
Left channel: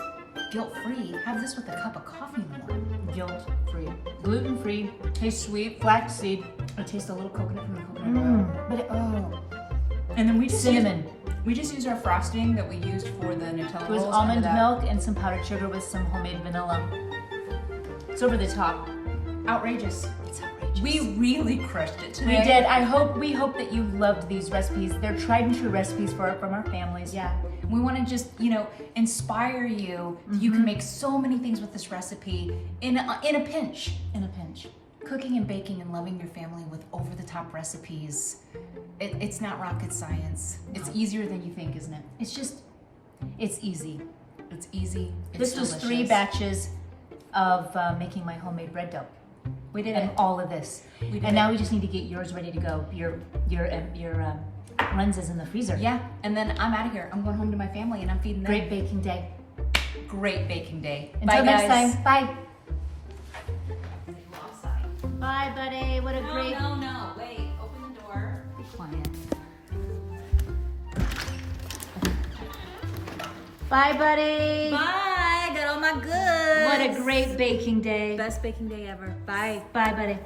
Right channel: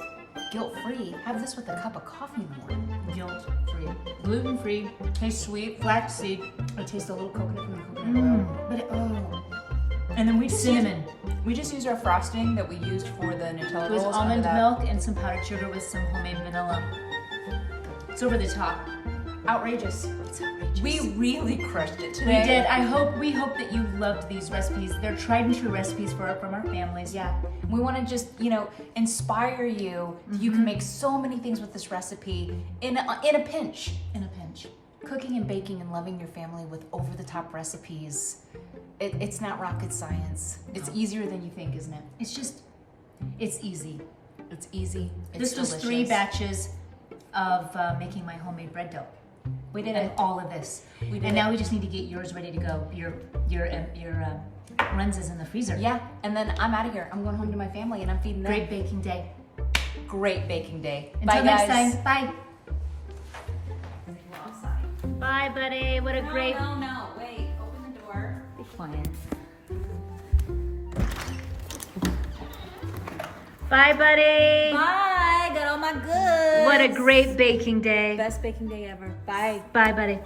Guilt-free. Have this with a cup of coffee in the morning. Guilt-free, gluten-free, tastes sweet, flaxseed. I taste a little coconut from the coconut oil. But it, oh, And then we just cinnamon. We just used our frosting that we used for the Nutella It was rolls. almond Under that. milk and some powdered sugar with some homemade vanilla. It's over the top. Outrageous. It's outrageous. We really crushed it today. We did. We hope that you loved these recipes. They're tried and true recipes from our families. Yeah. We want to just, inspire you. You can make so many things with this recipe in a pinch. In a pinch. Cooking and baking and loving your family with over-the-top recipes. It's not rocket science. It's easier than you think, isn't it? It's easy. It's easy. This was 3 batches of making my homemade bread dough. We did And it. all of this. We did And now it. we just need to get yours ready to go. Your Runzas in the freezer. Yeah, and then I'm out of here. I'm going home to my family and I'm feeding them. Great baking day. Great baking day. Until Bye, next guys. time. Bye. Bye, buddy. What a great. No, wait. Open the door. Be quiet. Bye, buddy. Bye. Got all my goods. What a great baking day. Best baking day ever. Bye. Bye, buddy.